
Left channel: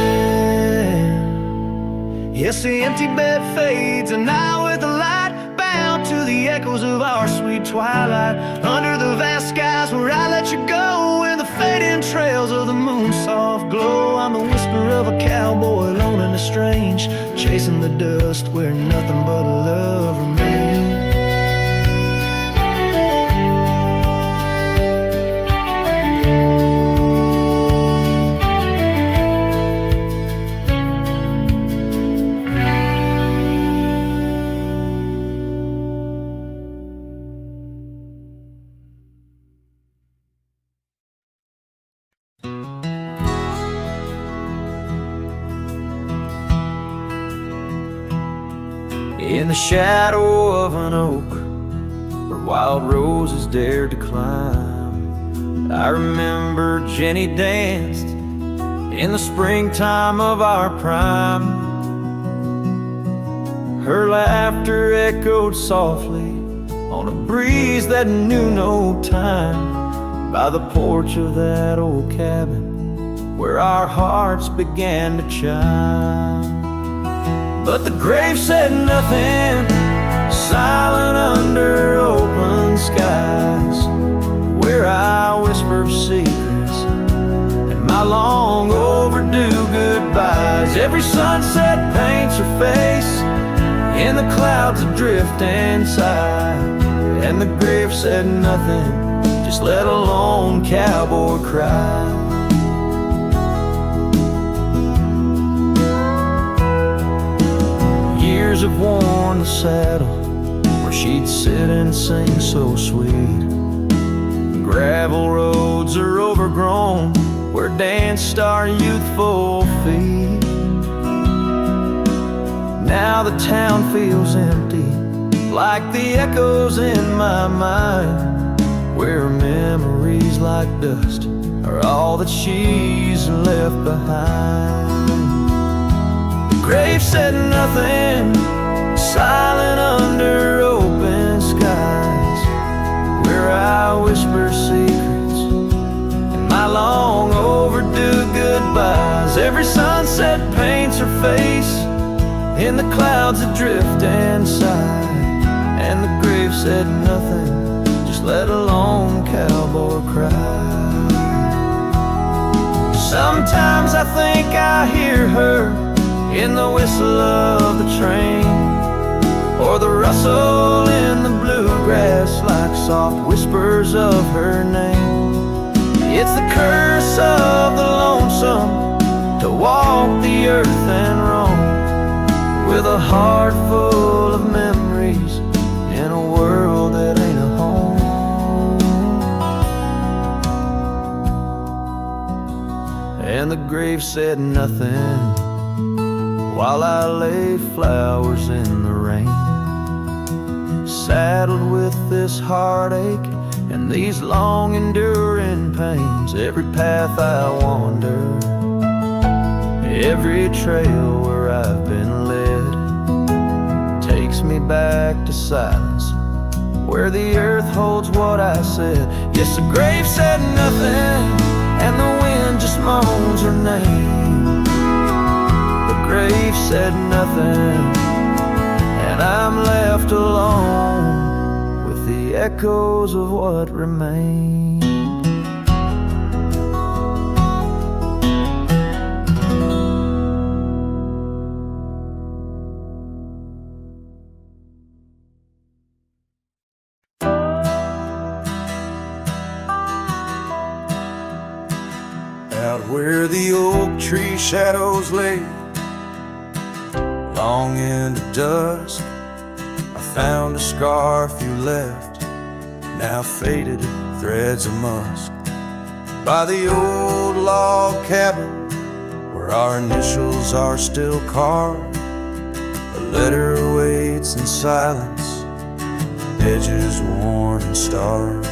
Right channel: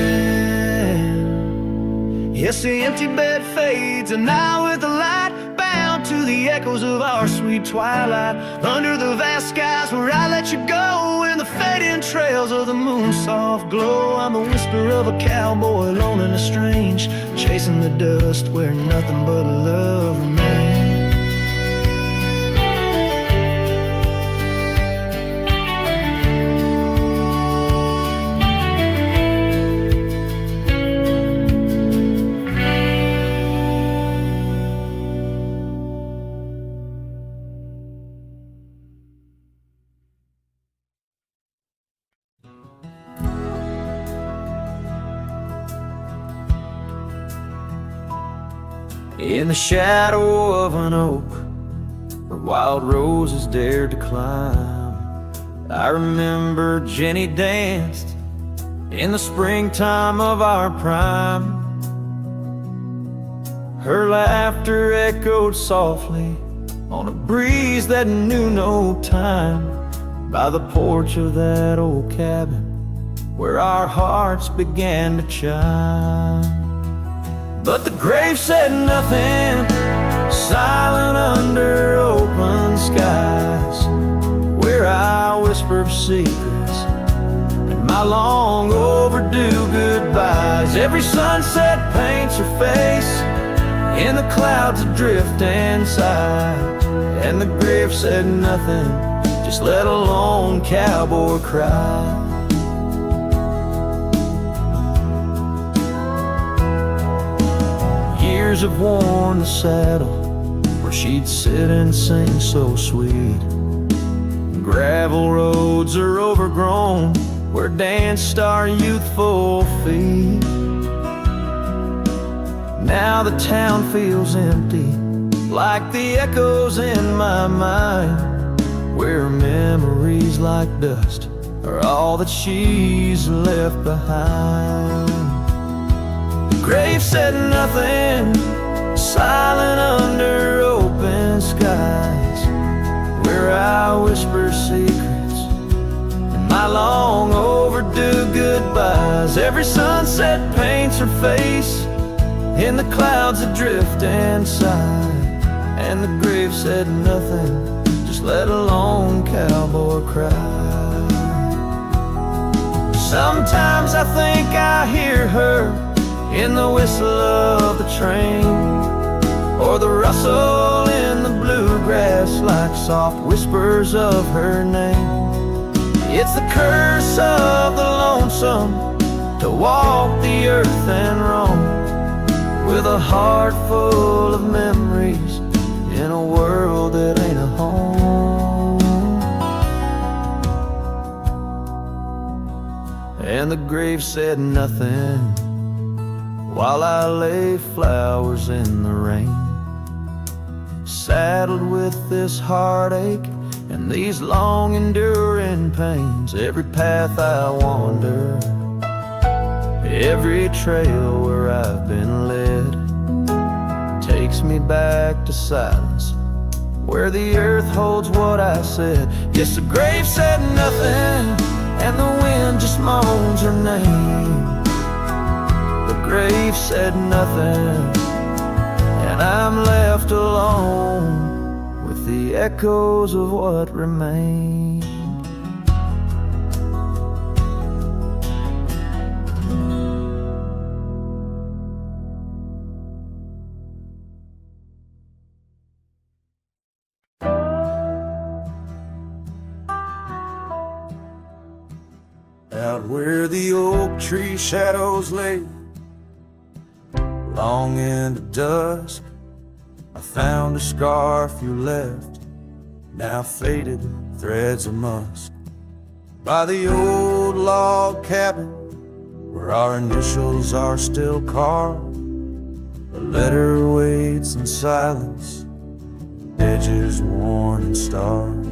Yes, the empty bed fades, and now with the light bound to the echoes of our sweet twilight, under the vast skies where I let you go, in the fading trails of the moon's soft glow. I'm the whisper of a cowboy alone and estranged, chasing the dust where nothing but love remains. In the shadow of an oak where wild roses dared to climb, I remember Jenny danced in the springtime of our prime. Her laughter echoed softly on a breeze that knew no time, by the porch of that old cabin where our hearts began to chime. But the grave said nothing, silent under open skies, where I whispered secrets and my long overdue goodbyes. Every sunset paints her face in the clouds adrift inside, and the grave said nothing, just let a lone cowboy cry. Years have worn the saddle where she'd sit and sing so sweet. Gravel roads are overgrown where danced our youthful feet. Now the town feels empty, like the echoes in my mind, where memories like dust are all that she's left behind. The grave said nothing, silent under open skies, where I whisper secrets and my long overdue goodbyes. Every sunset paints her face in the clouds adrift inside, and the grave said nothing, just let a lone cowboy cry. Sometimes I think I hear her in the whistle of the train, or the rustle in the bluegrass like soft whispers of her name. It's the curse of the lonesome, to walk the earth and roam, with a heart full of memories in a world that ain't a home. And the grave said nothing while I lay flowers in the rain, saddled with this heartache and these long enduring pains. Every path I wander, every trail where I've been led, takes me back to silence, where the earth holds what I said. Yes, the grave said nothing, and the wind just moans her name. The grave said nothing, and I'm left alone with the echoes of what remained. Out where the oak tree shadows lay, long into dusk, I found a scarf you left, now faded threads of musk, by the old log cabin where our initials are still carved. A letter waits in silence, edges worn and starved.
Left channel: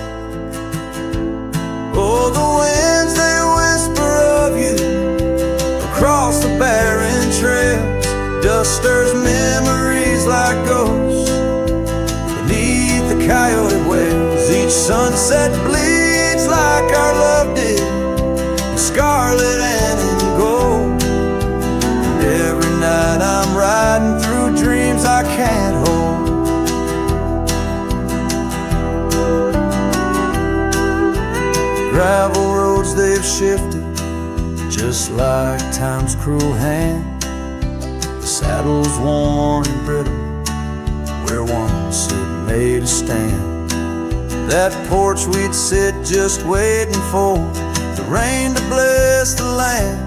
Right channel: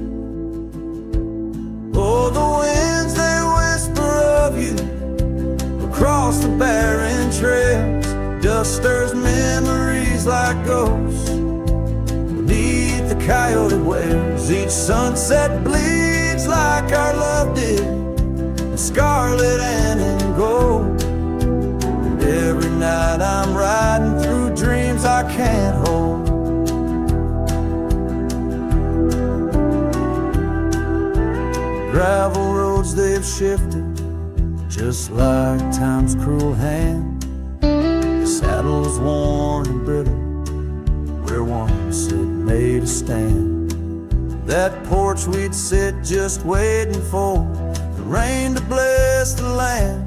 Oh, the winds, they whisper of you across the barren trails. Dust stirs memories like ghosts beneath the coyote wails. Each sunset bleeds like our love did, in scarlet and in gold. And every night I'm riding through dreams I can't hold. Gravel roads, they've shifted just like time's cruel hand. The saddle's worn and brittle where once it made a stand. That porch we'd sit just waiting for the rain to bless the land.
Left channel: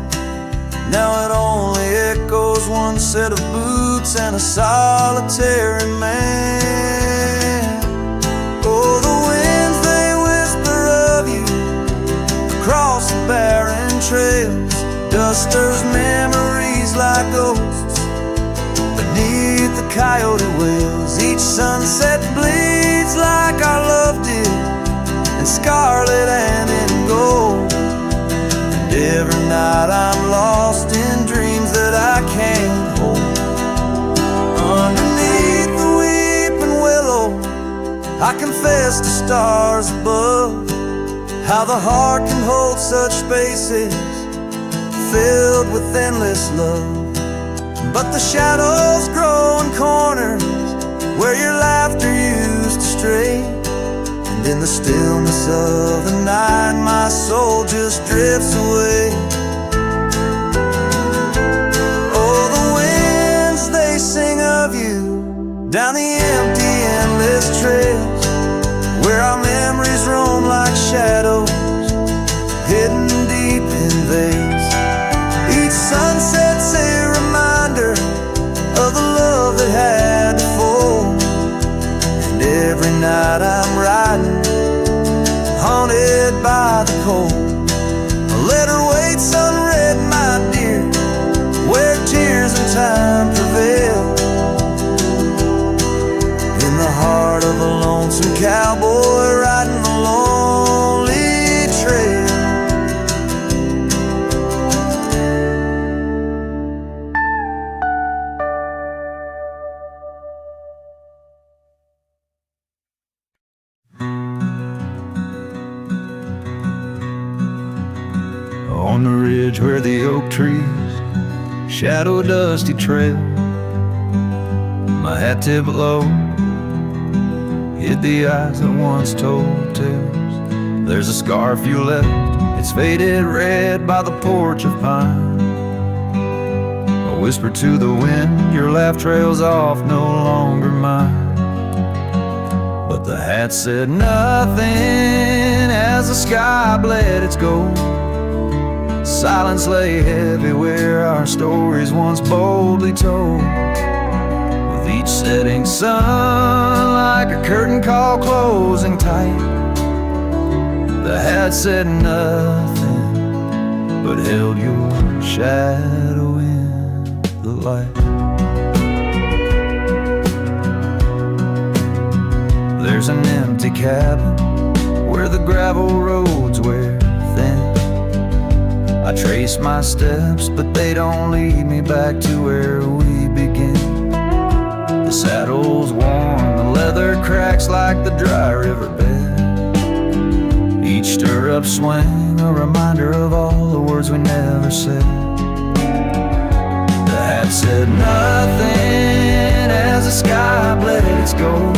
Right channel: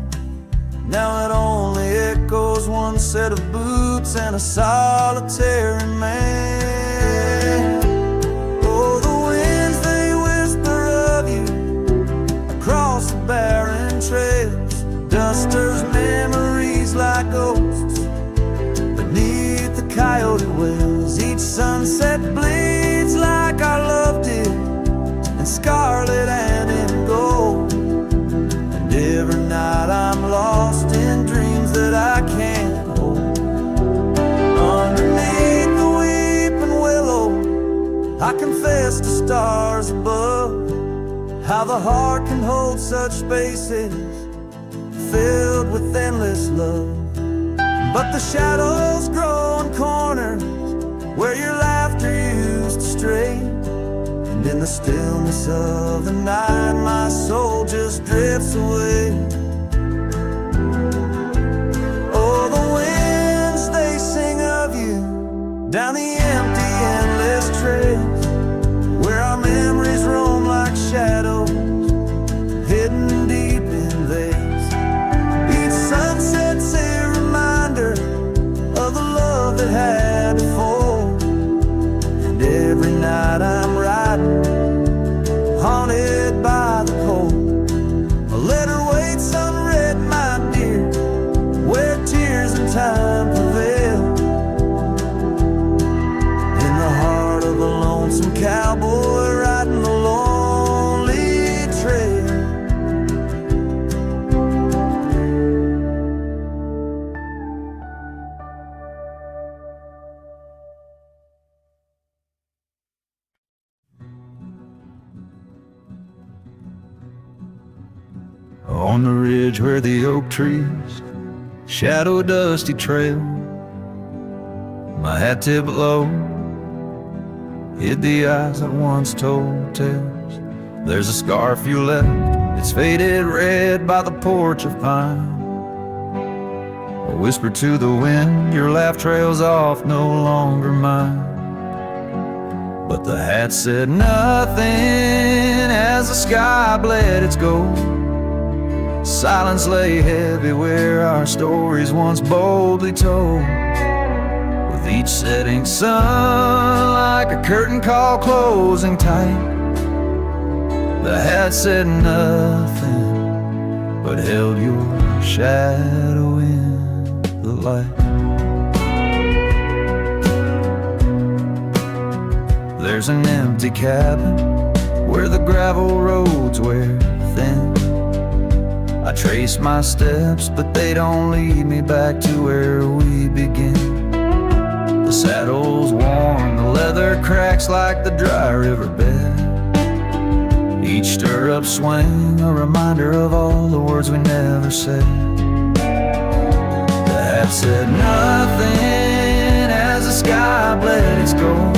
Now it only echoes one set of boots and a solitary man. Oh, the winds, they whisper of you across the barren trails. Dust stirs memories like ghosts beneath the coyote wails. Each sunset bleeds like our love did, in scarlet and in gold. And every night I'm lost in dreams that I can't hold. Underneath the weeping willow, I confess to stars above, how the heart can hold such spaces filled with endless love. But the shadows grow in corners where your laughter used to stray, and in the stillness of the night my soul just drifts away. Oh, the winds, they sing of you down the empty, endless trails, where our memories roam like shadows hidden deep in veils. Each sunset's a reminder of the love that had to fall. And every night I'm riding, haunted by the cold. A letter waits unread, my dear, where tears and time prevail. In the heart of a lonesome cowboy riding the lonely trail. On the ridge where the oak trees shadow a dusty trail, my hat tipped low hid the eyes that once told tales. There's a scarf you left, it's faded red by the porch of pine. A whisper to the wind, your laugh trails off, no longer mine. But the hat said nothing as the sky bled its gold. Silence lay heavy where our stories once boldly told. With each setting sun like a curtain call closing tight, the hat said nothing but held your shadow in the light. There's an empty cabin where the gravel roads wear thin. I trace my steps, but they don't lead me back to where we begin. The saddle's worn, the leather cracks like the dry riverbed. Each stirrup swing, a reminder of all the words we never said. The hat said nothing as the sky bled its gold.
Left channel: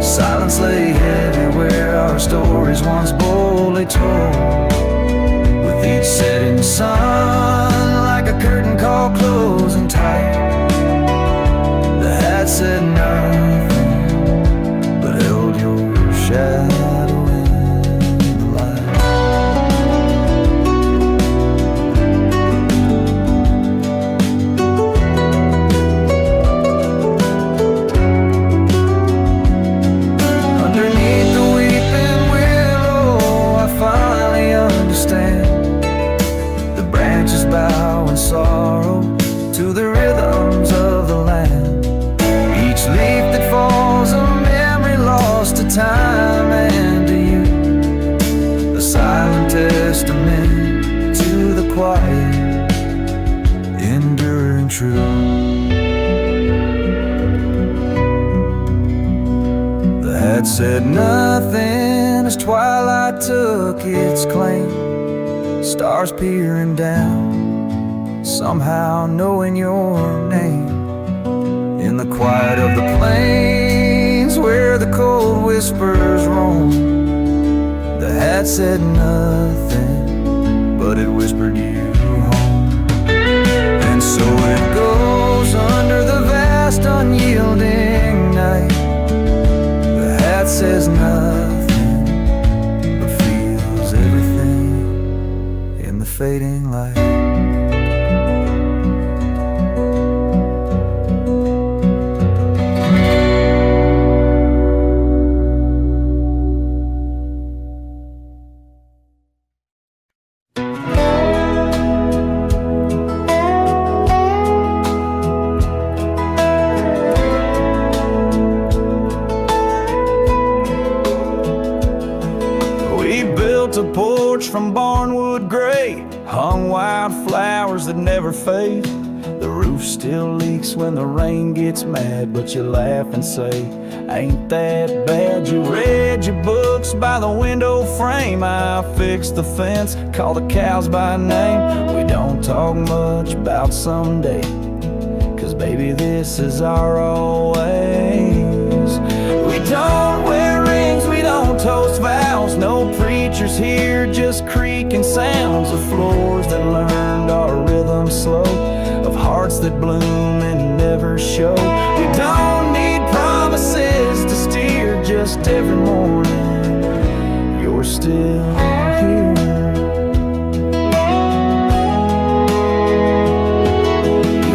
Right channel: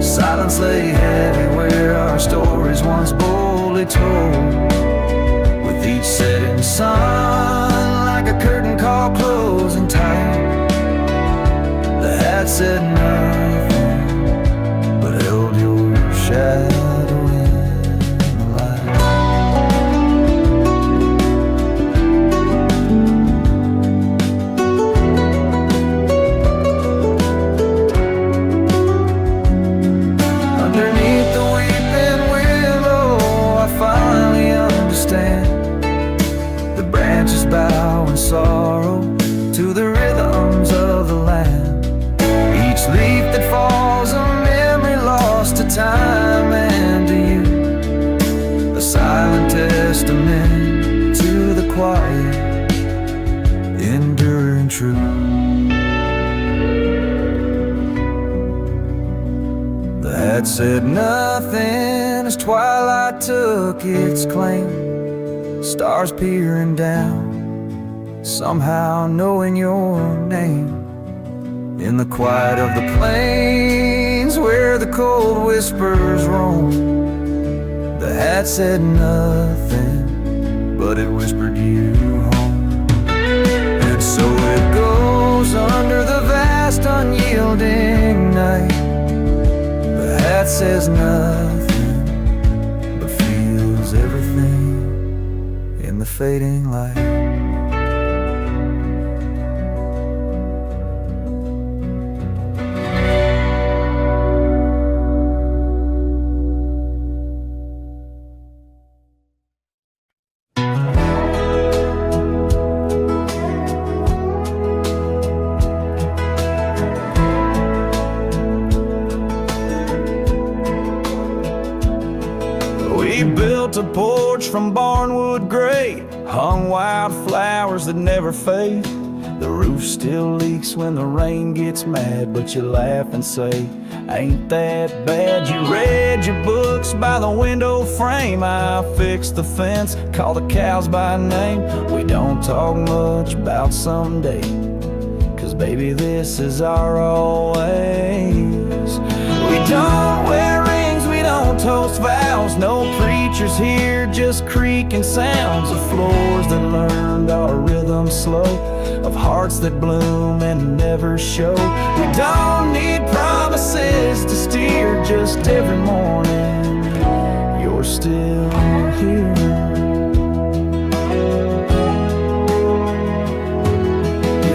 Silence lay heavy where our stories once boldly told. With each setting sun like a curtain call closing tight, the hat said nothing but held your shadow in the light. Underneath the weeping willow, I finally understand. The branches bow in sorrow to the rhythms of the land. Each leaf that falls, a memory lost to time and to you, a silent testament to the quiet, enduring truth. The hat said nothing as twilight took its claim. Stars peering down, somehow knowing your name. In the quiet of the plains where the cold whispers roam, the hat said nothing, but it whispered you home. And so it goes under the vast unyielding night. The hat says nothing, but feels everything in the fading light. We built a porch from barnwood gray, hung wild flowers that never fade. The roof still leaks when the rain gets mad, but you laugh and say, ain't that bad? You read your books by the window frame. I fixed the fence, called the cows by name. We don't talk much about someday, 'cause baby, this is our always. We don't wear rings, we don't toast vows. No preachers here, just creaking sounds of floors that learned our rhythm slow, of hearts that bloom and never show. We don't need promises to steer, just every morning you're still here.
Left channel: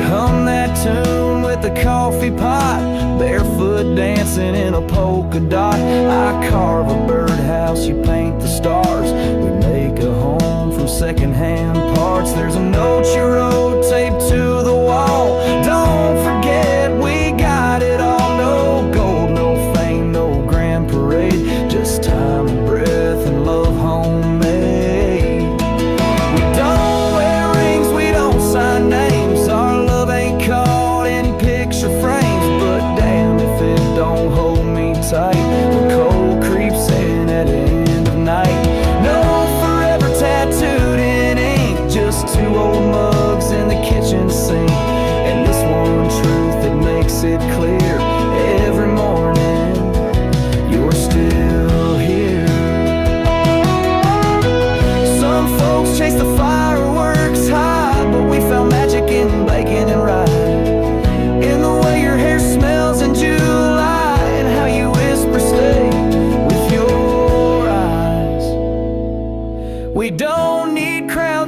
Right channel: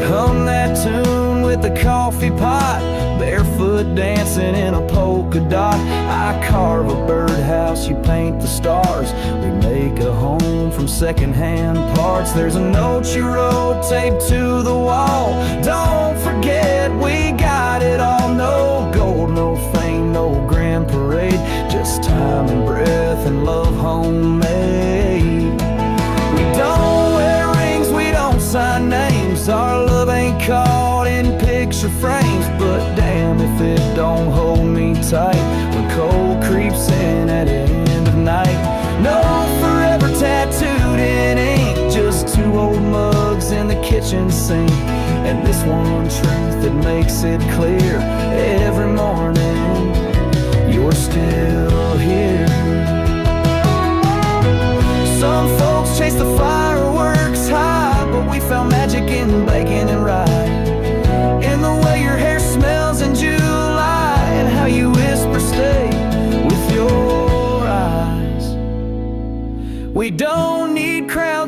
Hum that tune with the coffee pot, barefoot dancing in a polka dot. I carve a birdhouse, you paint the stars. We make a home from secondhand parts. There's a note you wrote taped to the wall. Don't forget we got it all. No gold, no fame, no grand parade, just time and breath and love homemade. We don't wear rings, we don't sign names. Our love ain't caught in picture frames, but damn if it don't hold me tight when cold creeps in at the end of night. No forever tattooed in ink, just two old mugs in the kitchen sink, and this one truth that makes it clear every morning you're still here. Some folks chase the fireworks high, but we found magic in bacon and rye, in the way your hair smells in July, and how you whisper stay with your eyes. We don't need crowds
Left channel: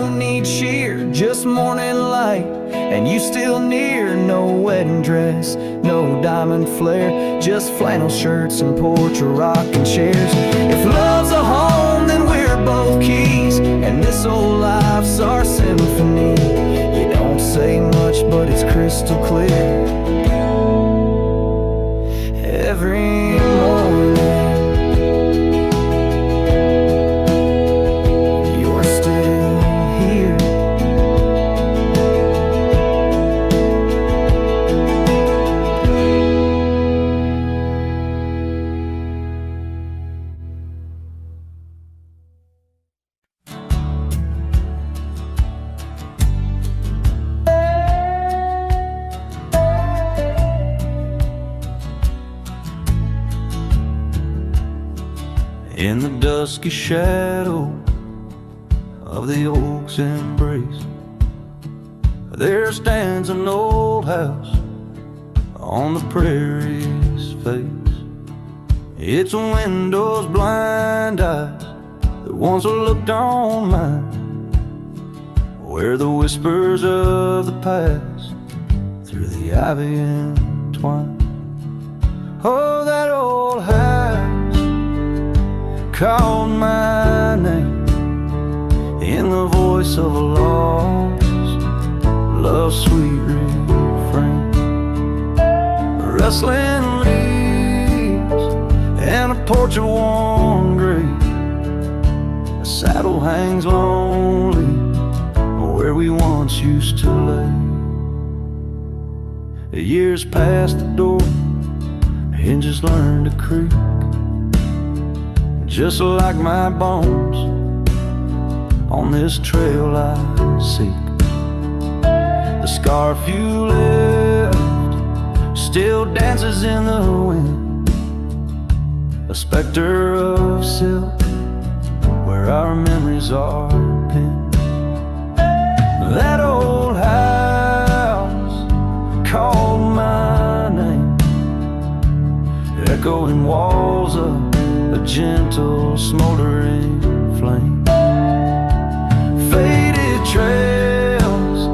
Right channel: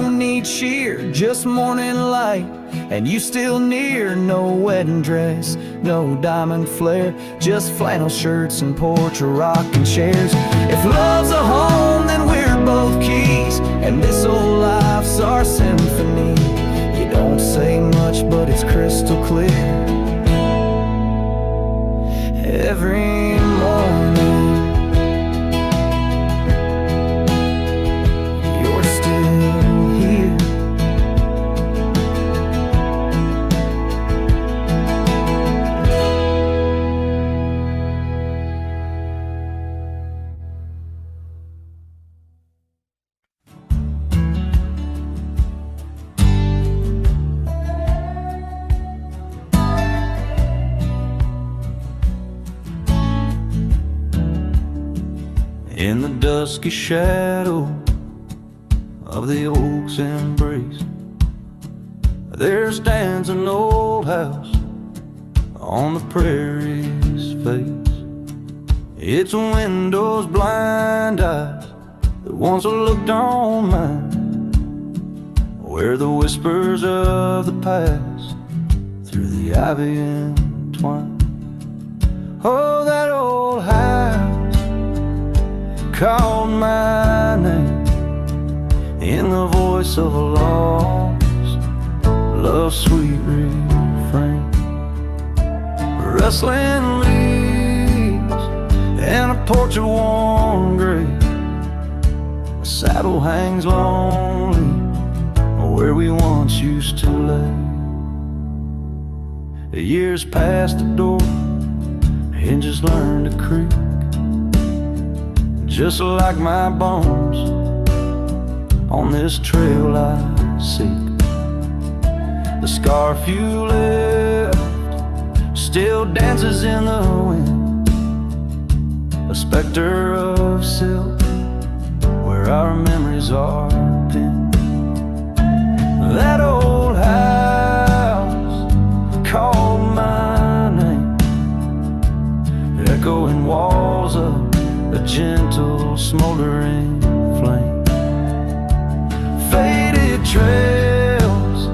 don't need cheer, just morning light, and you still near. No wedding dress, no diamond flare, just flannel shirts and porch rocking chairs. If love's a home, then we're both keys, and this old life's our symphony. You don't say much, but it's crystal clear. Every morning you're still here. In the dusky shadow of the oak's embrace, there stands an old house on the prairie's face. Its windows blind eyes that once looked on mine, where the whispers of the past through the ivy entwine. Oh, that old house called my name in the voice of a lost love's sweet refrain. Rustling leaves and a porch of worn gray, a saddle hangs lonely where we once used to lay. The years past the door, hinges learned to creak, just like my bones on this trail I seek. The scarf you left still dances in the wind, a specter of silk where our memories are pinned. That old house called my name, echoing walls of a gentle smoldering flame. Faded trails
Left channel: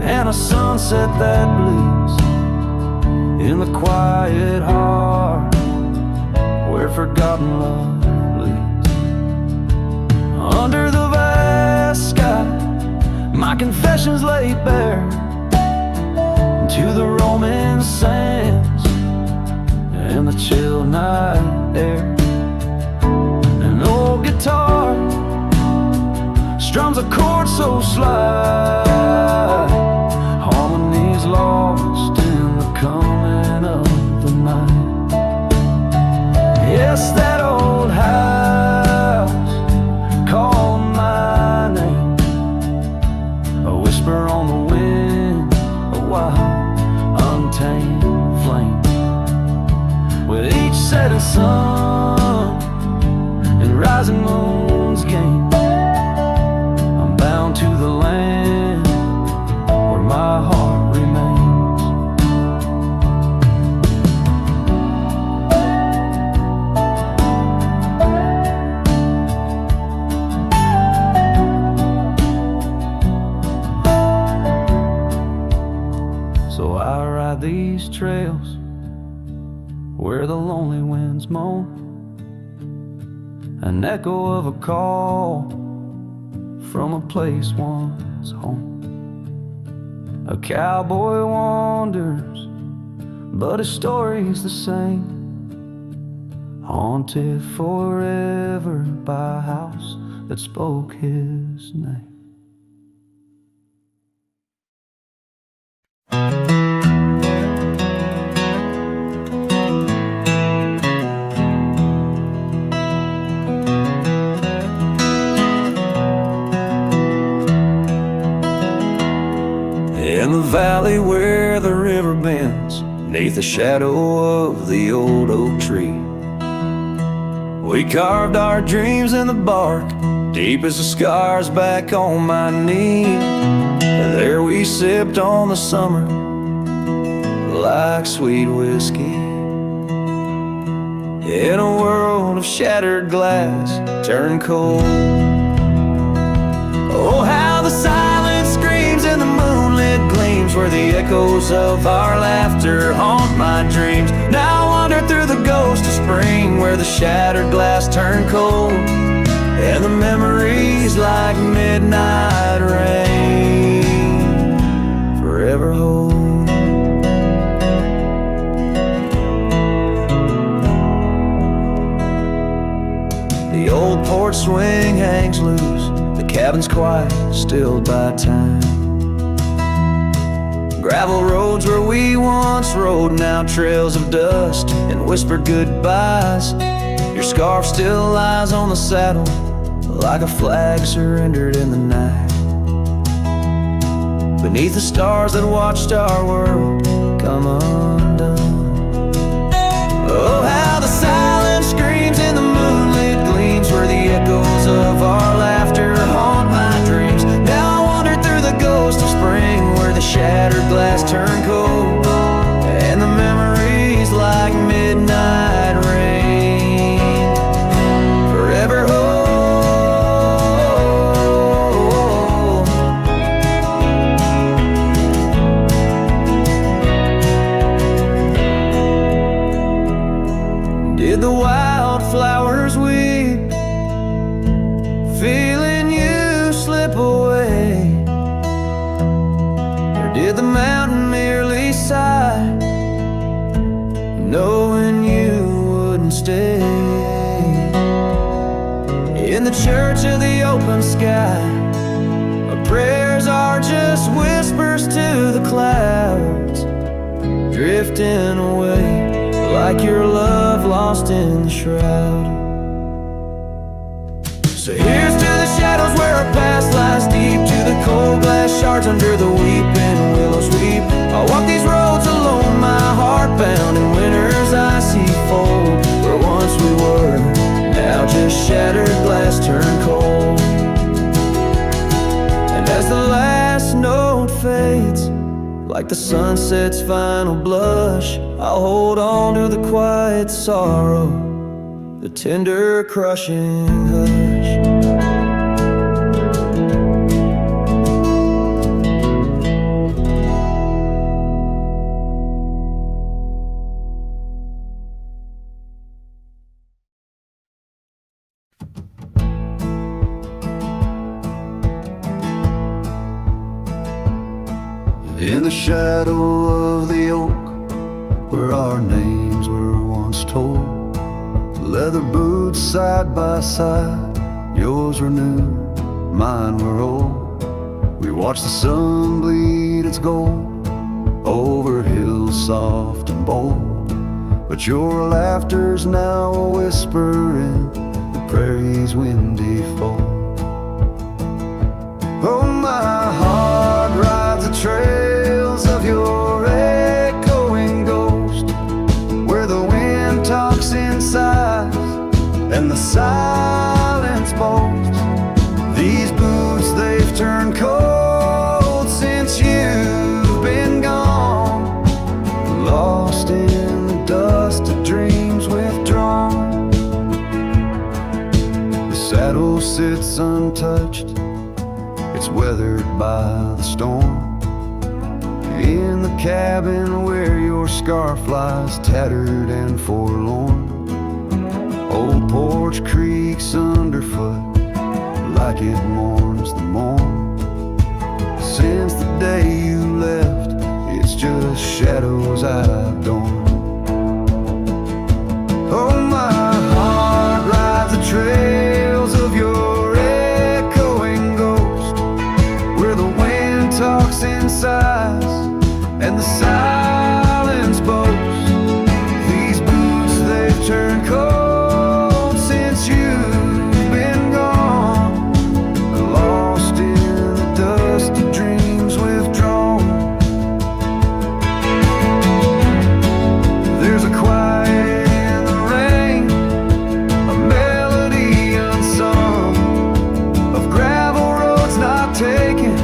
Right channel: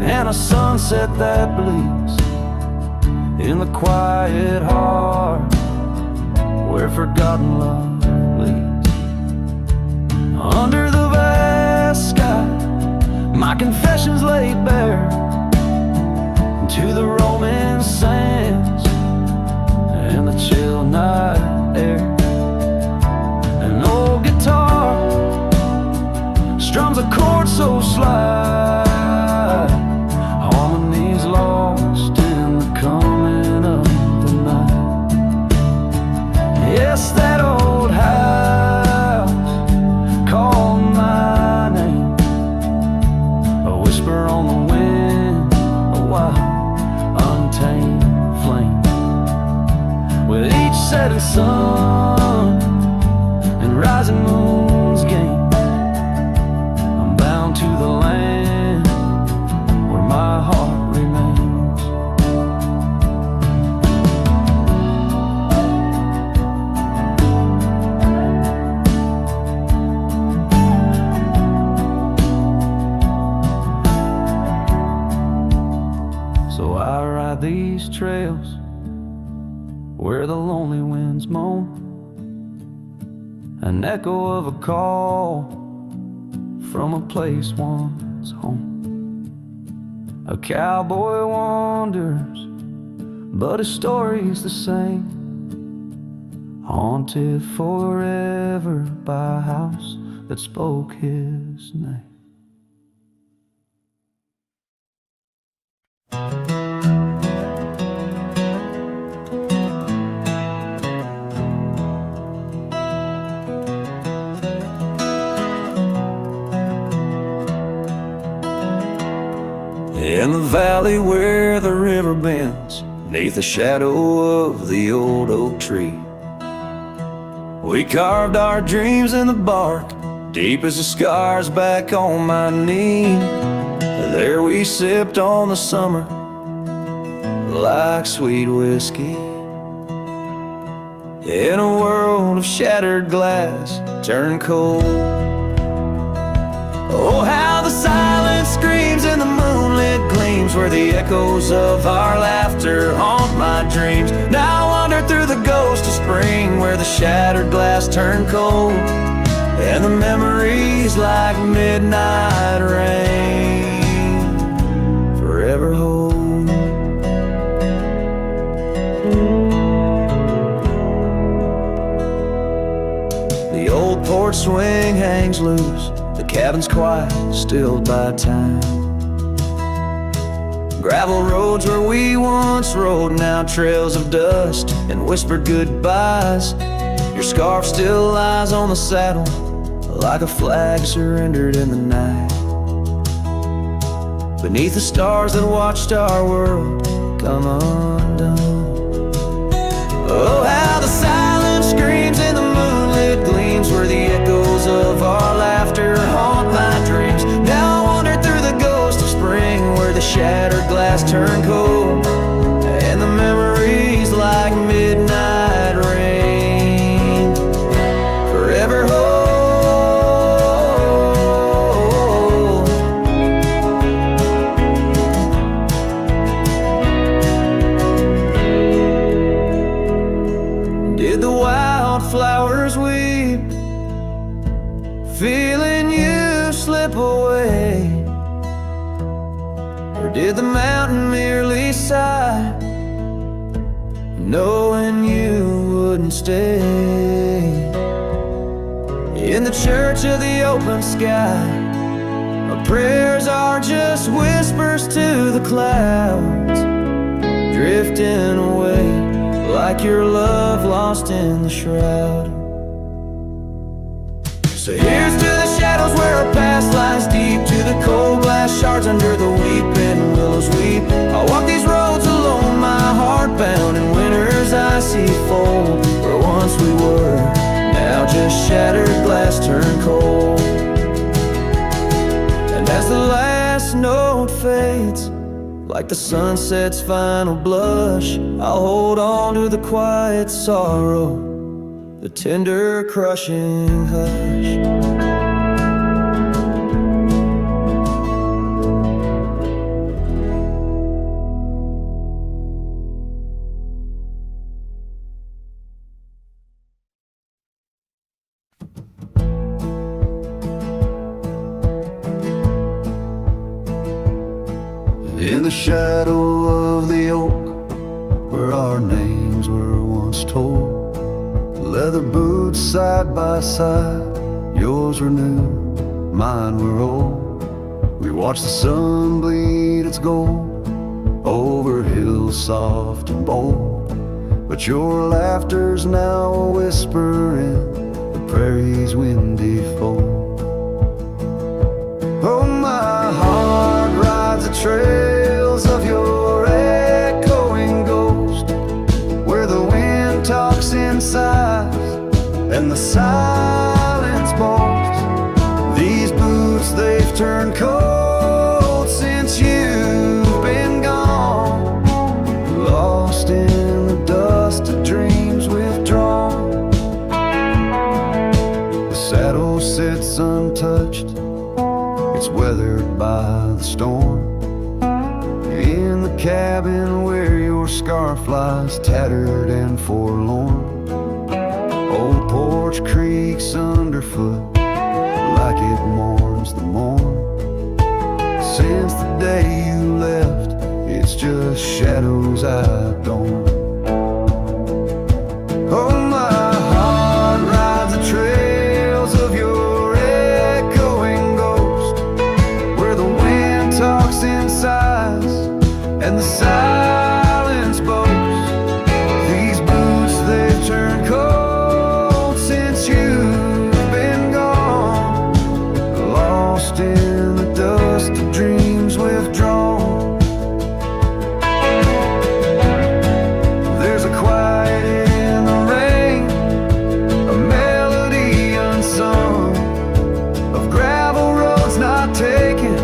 and a sunset that bleeds in the quiet heart where forgotten love leads. Under the vast sky, my confessions laid bare, to the roaming sands and the chill night air. An old guitar strums a chord so slight, harmonies lost in the coming of the night. Yes, that old house called my name, a whisper on the wind, a wild, untamed flame. With each setting sun and rising moon's game, I'm bound to the land where my heart remains. So I ride these trails where the lonely winds moan, an echo of a call from a place once home. A cowboy wanders, but his story's the same, haunted forever by a house that spoke his name. In the valley where the river bends, neath the shadow of the old oak tree, we carved our dreams in the bark, deep as the scars back on my knee. There we sipped on the summer like sweet whiskey, in a world of shattered glass turned cold. Oh, how the silence screams and the moonlit gleams, where the echoes of our laughter haunt my dreams. Now I wander through the ghost of spring, where the shattered glass turned cold, and the memories like midnight rain forever hold. The old porch swing hangs loose, the cabin's quiet, stilled by time. Gravel roads where we once rode, now trails of dust and whispered goodbyes. Your scarf still lies on the saddle, like a flag surrendered in the night. Beneath the stars that watched our world come undone. Oh, how the silence screams and the moonlit gleams, where the echoes of our laughter haunt my dreams. Now I wander through the ghost of spring, where the shattered glass turned cold, and the memories like midnight rain forever hold. Did the wildflowers weep, feeling you slip away? Or did the mountain merely sigh, knowing you wouldn't stay? In the church of the open sky, our prayers are just whispers to the clouds, drifting away like your love lost in the shroud. So here's to the shadows where our past lies deep, to the cold glass shards under the weeping willows weep. I'll walk these roads alone, my heart bound in winter's icy fold, where once we were, now just shattered glass turned cold. And as the last note fades, like the sunset's final blush, I'll hold on to the quiet sorrow, the tender crushing hush. In the shadow of the oak, where our names were once told, leather boots side by side, yours were new, mine were old. We watched the sun bleed its gold over hills soft and bold, but your laughter's now a whisper in the prairie's windy fold. Oh, my heart rides the trails of your echoing ghost, where the wind talks in sighs and the silence boasts. These boots, they've turned cold since you've been gone, lost in the dust of dreams withdrawn. The saddle sits untouched, it's weathered by the storm. In the cabin where your scarf lies tattered and forlorn, old porch creaks underfoot like it mourns the morn. Since the day you left, it's just shadows I've adorned. Oh, my heart rides the trails of your echoing ghost, where the wind talks in sighs and the silence boasts. These boots, they've turned cold since you've been gone, lost in the dust of dreams withdrawn. There's a quiet in the rain, a melody unsung, of gravel roads not taken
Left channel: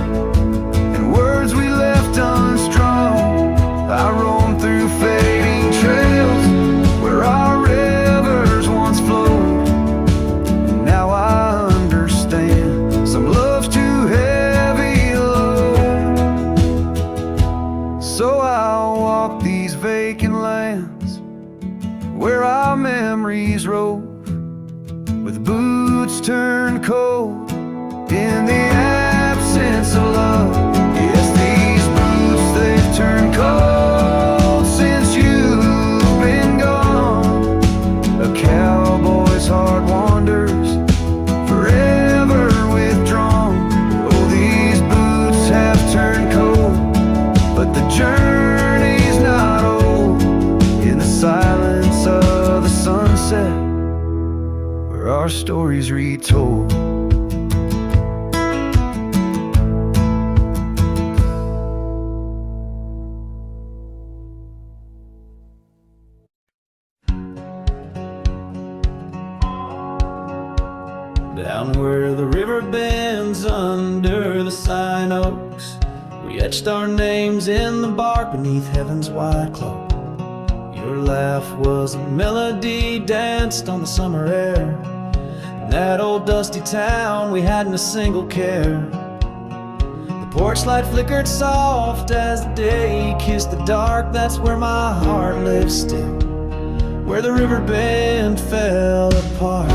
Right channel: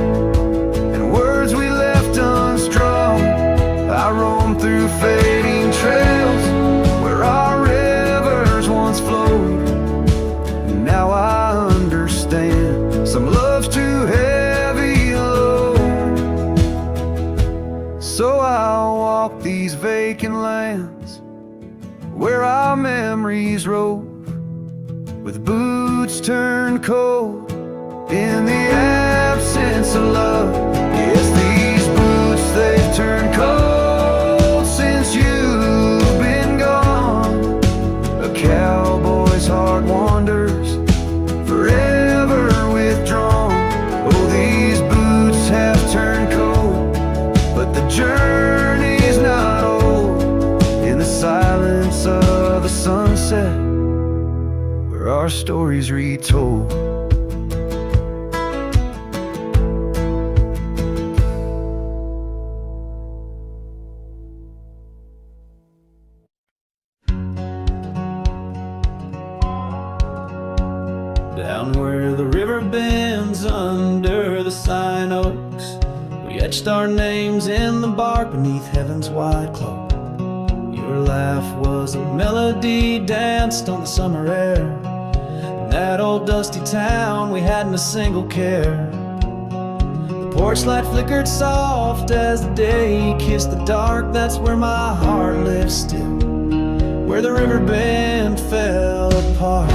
and words we left unstrung. I roam through fading trails where our rivers once flowed, and now I understand some love's too heavy a load. So I'll walk these vacant lands where our memories rove, with boots turned cold in the absence of love. Yes, these boots, they've turned cold since you've been gone. A cowboy's heart wanders, forever withdrawn. Oh, these boots have turned cold, but the journey's not old. In the silence of the sunset, where our stories retold. Down where the river bends under the sign oaks, we etched our names in the bark beneath heaven's wide cloak. Your laugh was a melody danced on the summer air. In that old dusty town we hadn't a single care. The porch light flickered soft as the day kissed the dark. That's where my heart lives still, where the river bend fell apart.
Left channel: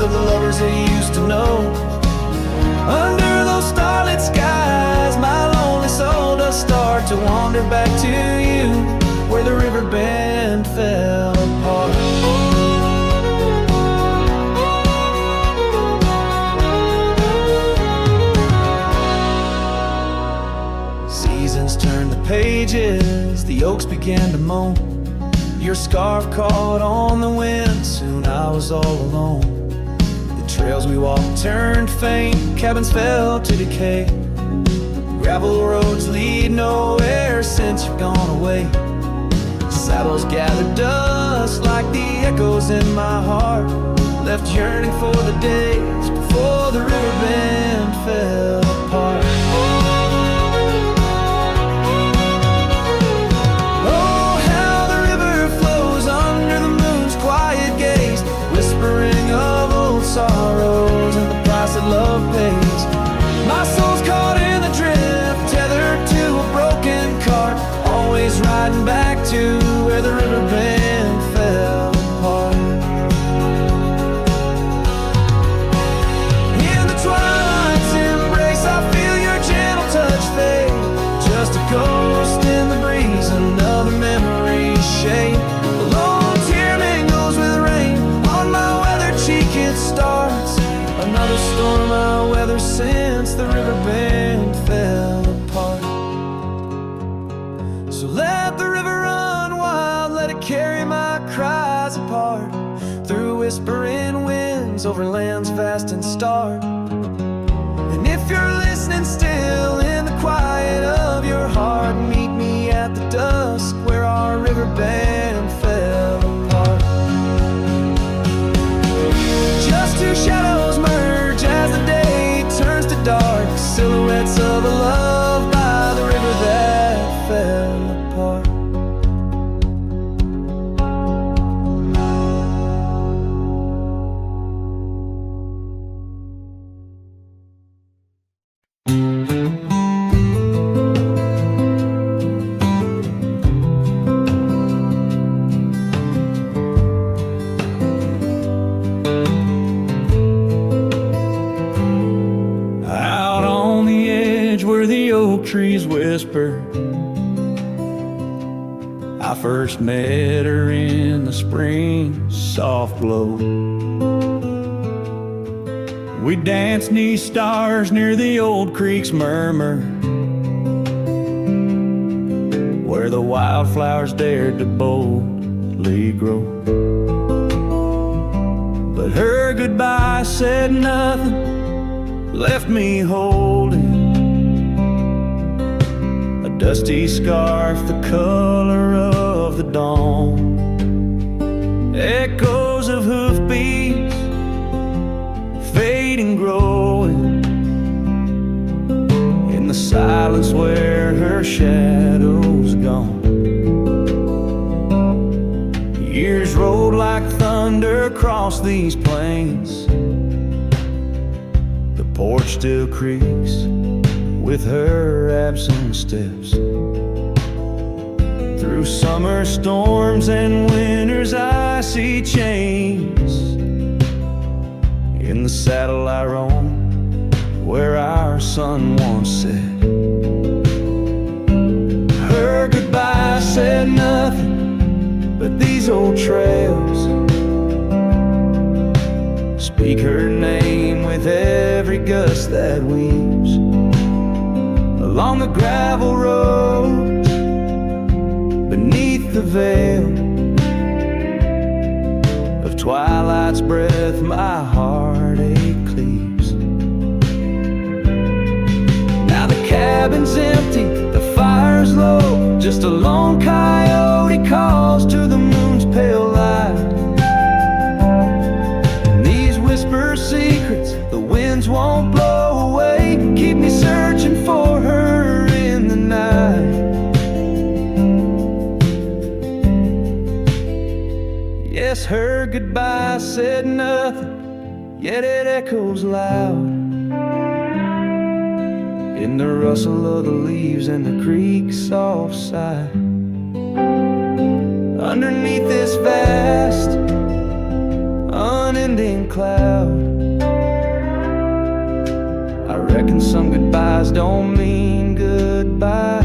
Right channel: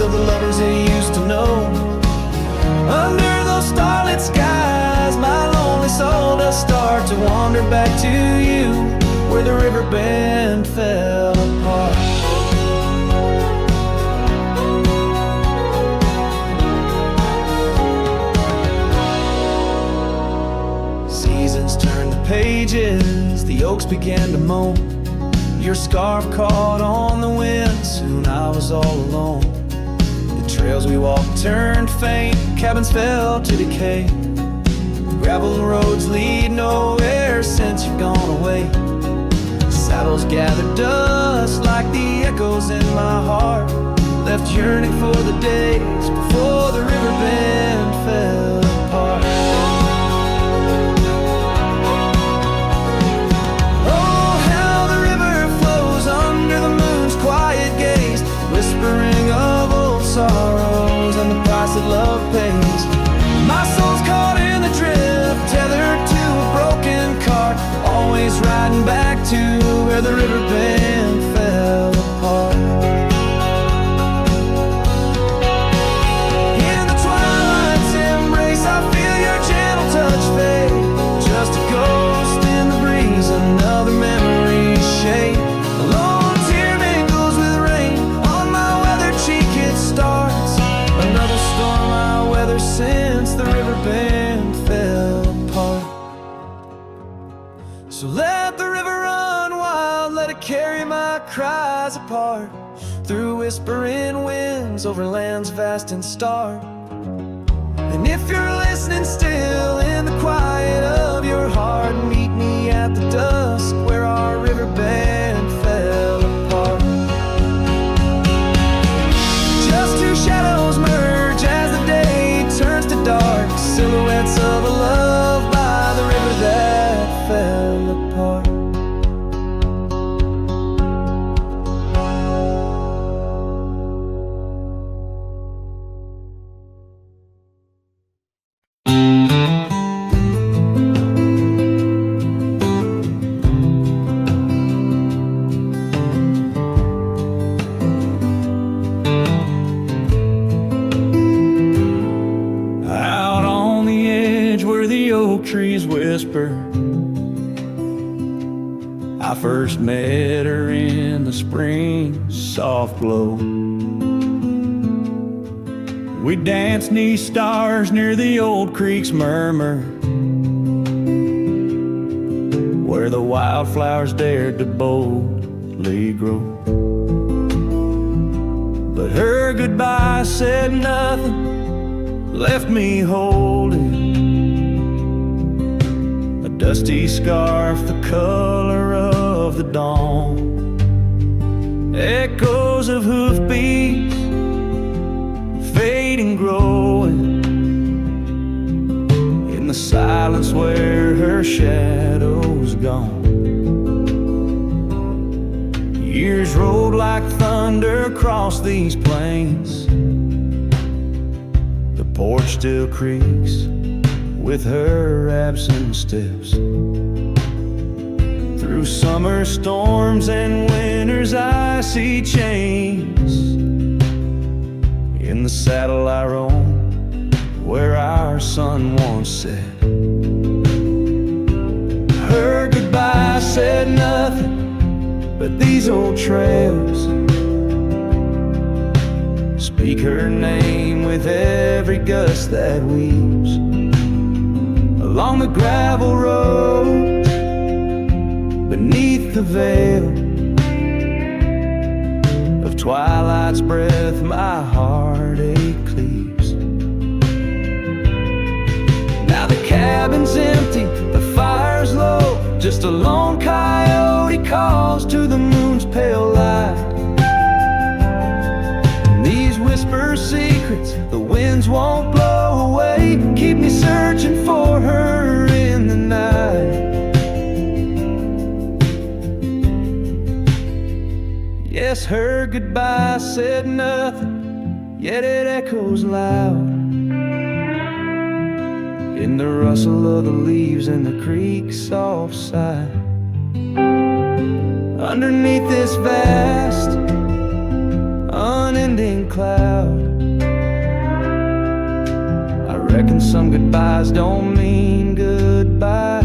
Of the lovers they used to know. Under those starlit skies, my lonely soul does start to wander back to you, where the river bend fell apart. Seasons turned the pages, the oaks began to moan. Your scarf caught on the wind, soon I was all alone. Trails we walked turned faint, cabins fell to decay. Gravel roads lead nowhere since you've gone away. Saddles gathered dust like the echoes in my heart, left yearning for the days before the river bend fell apart. Oh, how the river flows under the moon's quiet gaze, whispering of old sorrows and the price that love pays. My soul's caught in the drift, tethered to a broken cart, always riding back to where the river bend fell apart. In the twilight's embrace, I feel your gentle touch fade. Just a ghost in the breeze, another memory's shade. A lone tear mingles with rain, cheek it starts. Another storm I weather since the river bend fell apart. So let the river run wild, let it carry my cries apart, through whispering winds, over lands vast and stark. And if you're listening still in the quiet of your heart, meet me at the dusk where our river bend fell apart. Just two shadows merge as the day turns to dark, silhouettes of a love by the river that fell apart. Trees whisper, I first met her in the spring soft glow. We danced 'neath stars near the old creek's murmur, where the wildflowers dared to boldly grow. But her goodbye said nothing, left me holding a dusty scarf the color of the dawn. Echoes of hoofbeats fading, growing in the silence where her shadow's gone. Years rolled like thunder across these plains. The porch still creaks with her absent steps. Through summer storms and winter's icy chains, in the saddle I roam where our sun once set. Her goodbye said nothing but these old trails speak her name with every gust that weaves along the gravel roads beneath the veil of twilight's breath. My heartache cleaves. Now the cabin's empty, the fire's low, just a lone coyote calls to the moon's pale light. And these whisper secrets the winds won't blow away, keep me searching for her in the night. Yes, her goodbye said nothing, yet it echoes loud in the rustle of the leaves and the creek's soft sigh. Underneath this vast, unending cloud, I reckon some goodbyes don't mean goodbye.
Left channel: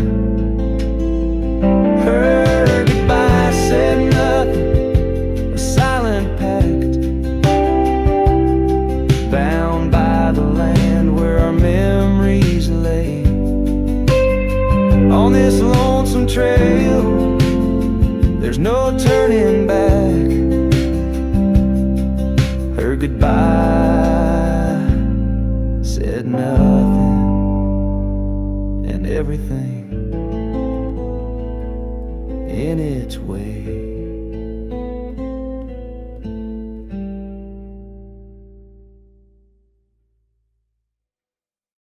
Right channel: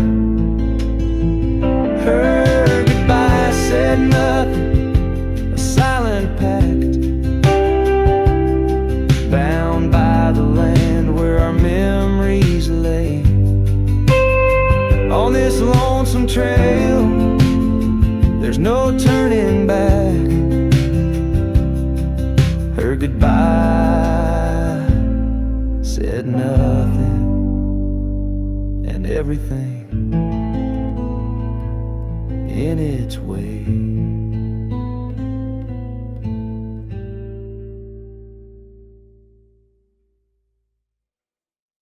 Her goodbye said nothing, a silent pact, bound by the land where our memories lay. On this lonesome trail, there's no turning back. Her goodbye said nothing, and everything in its way.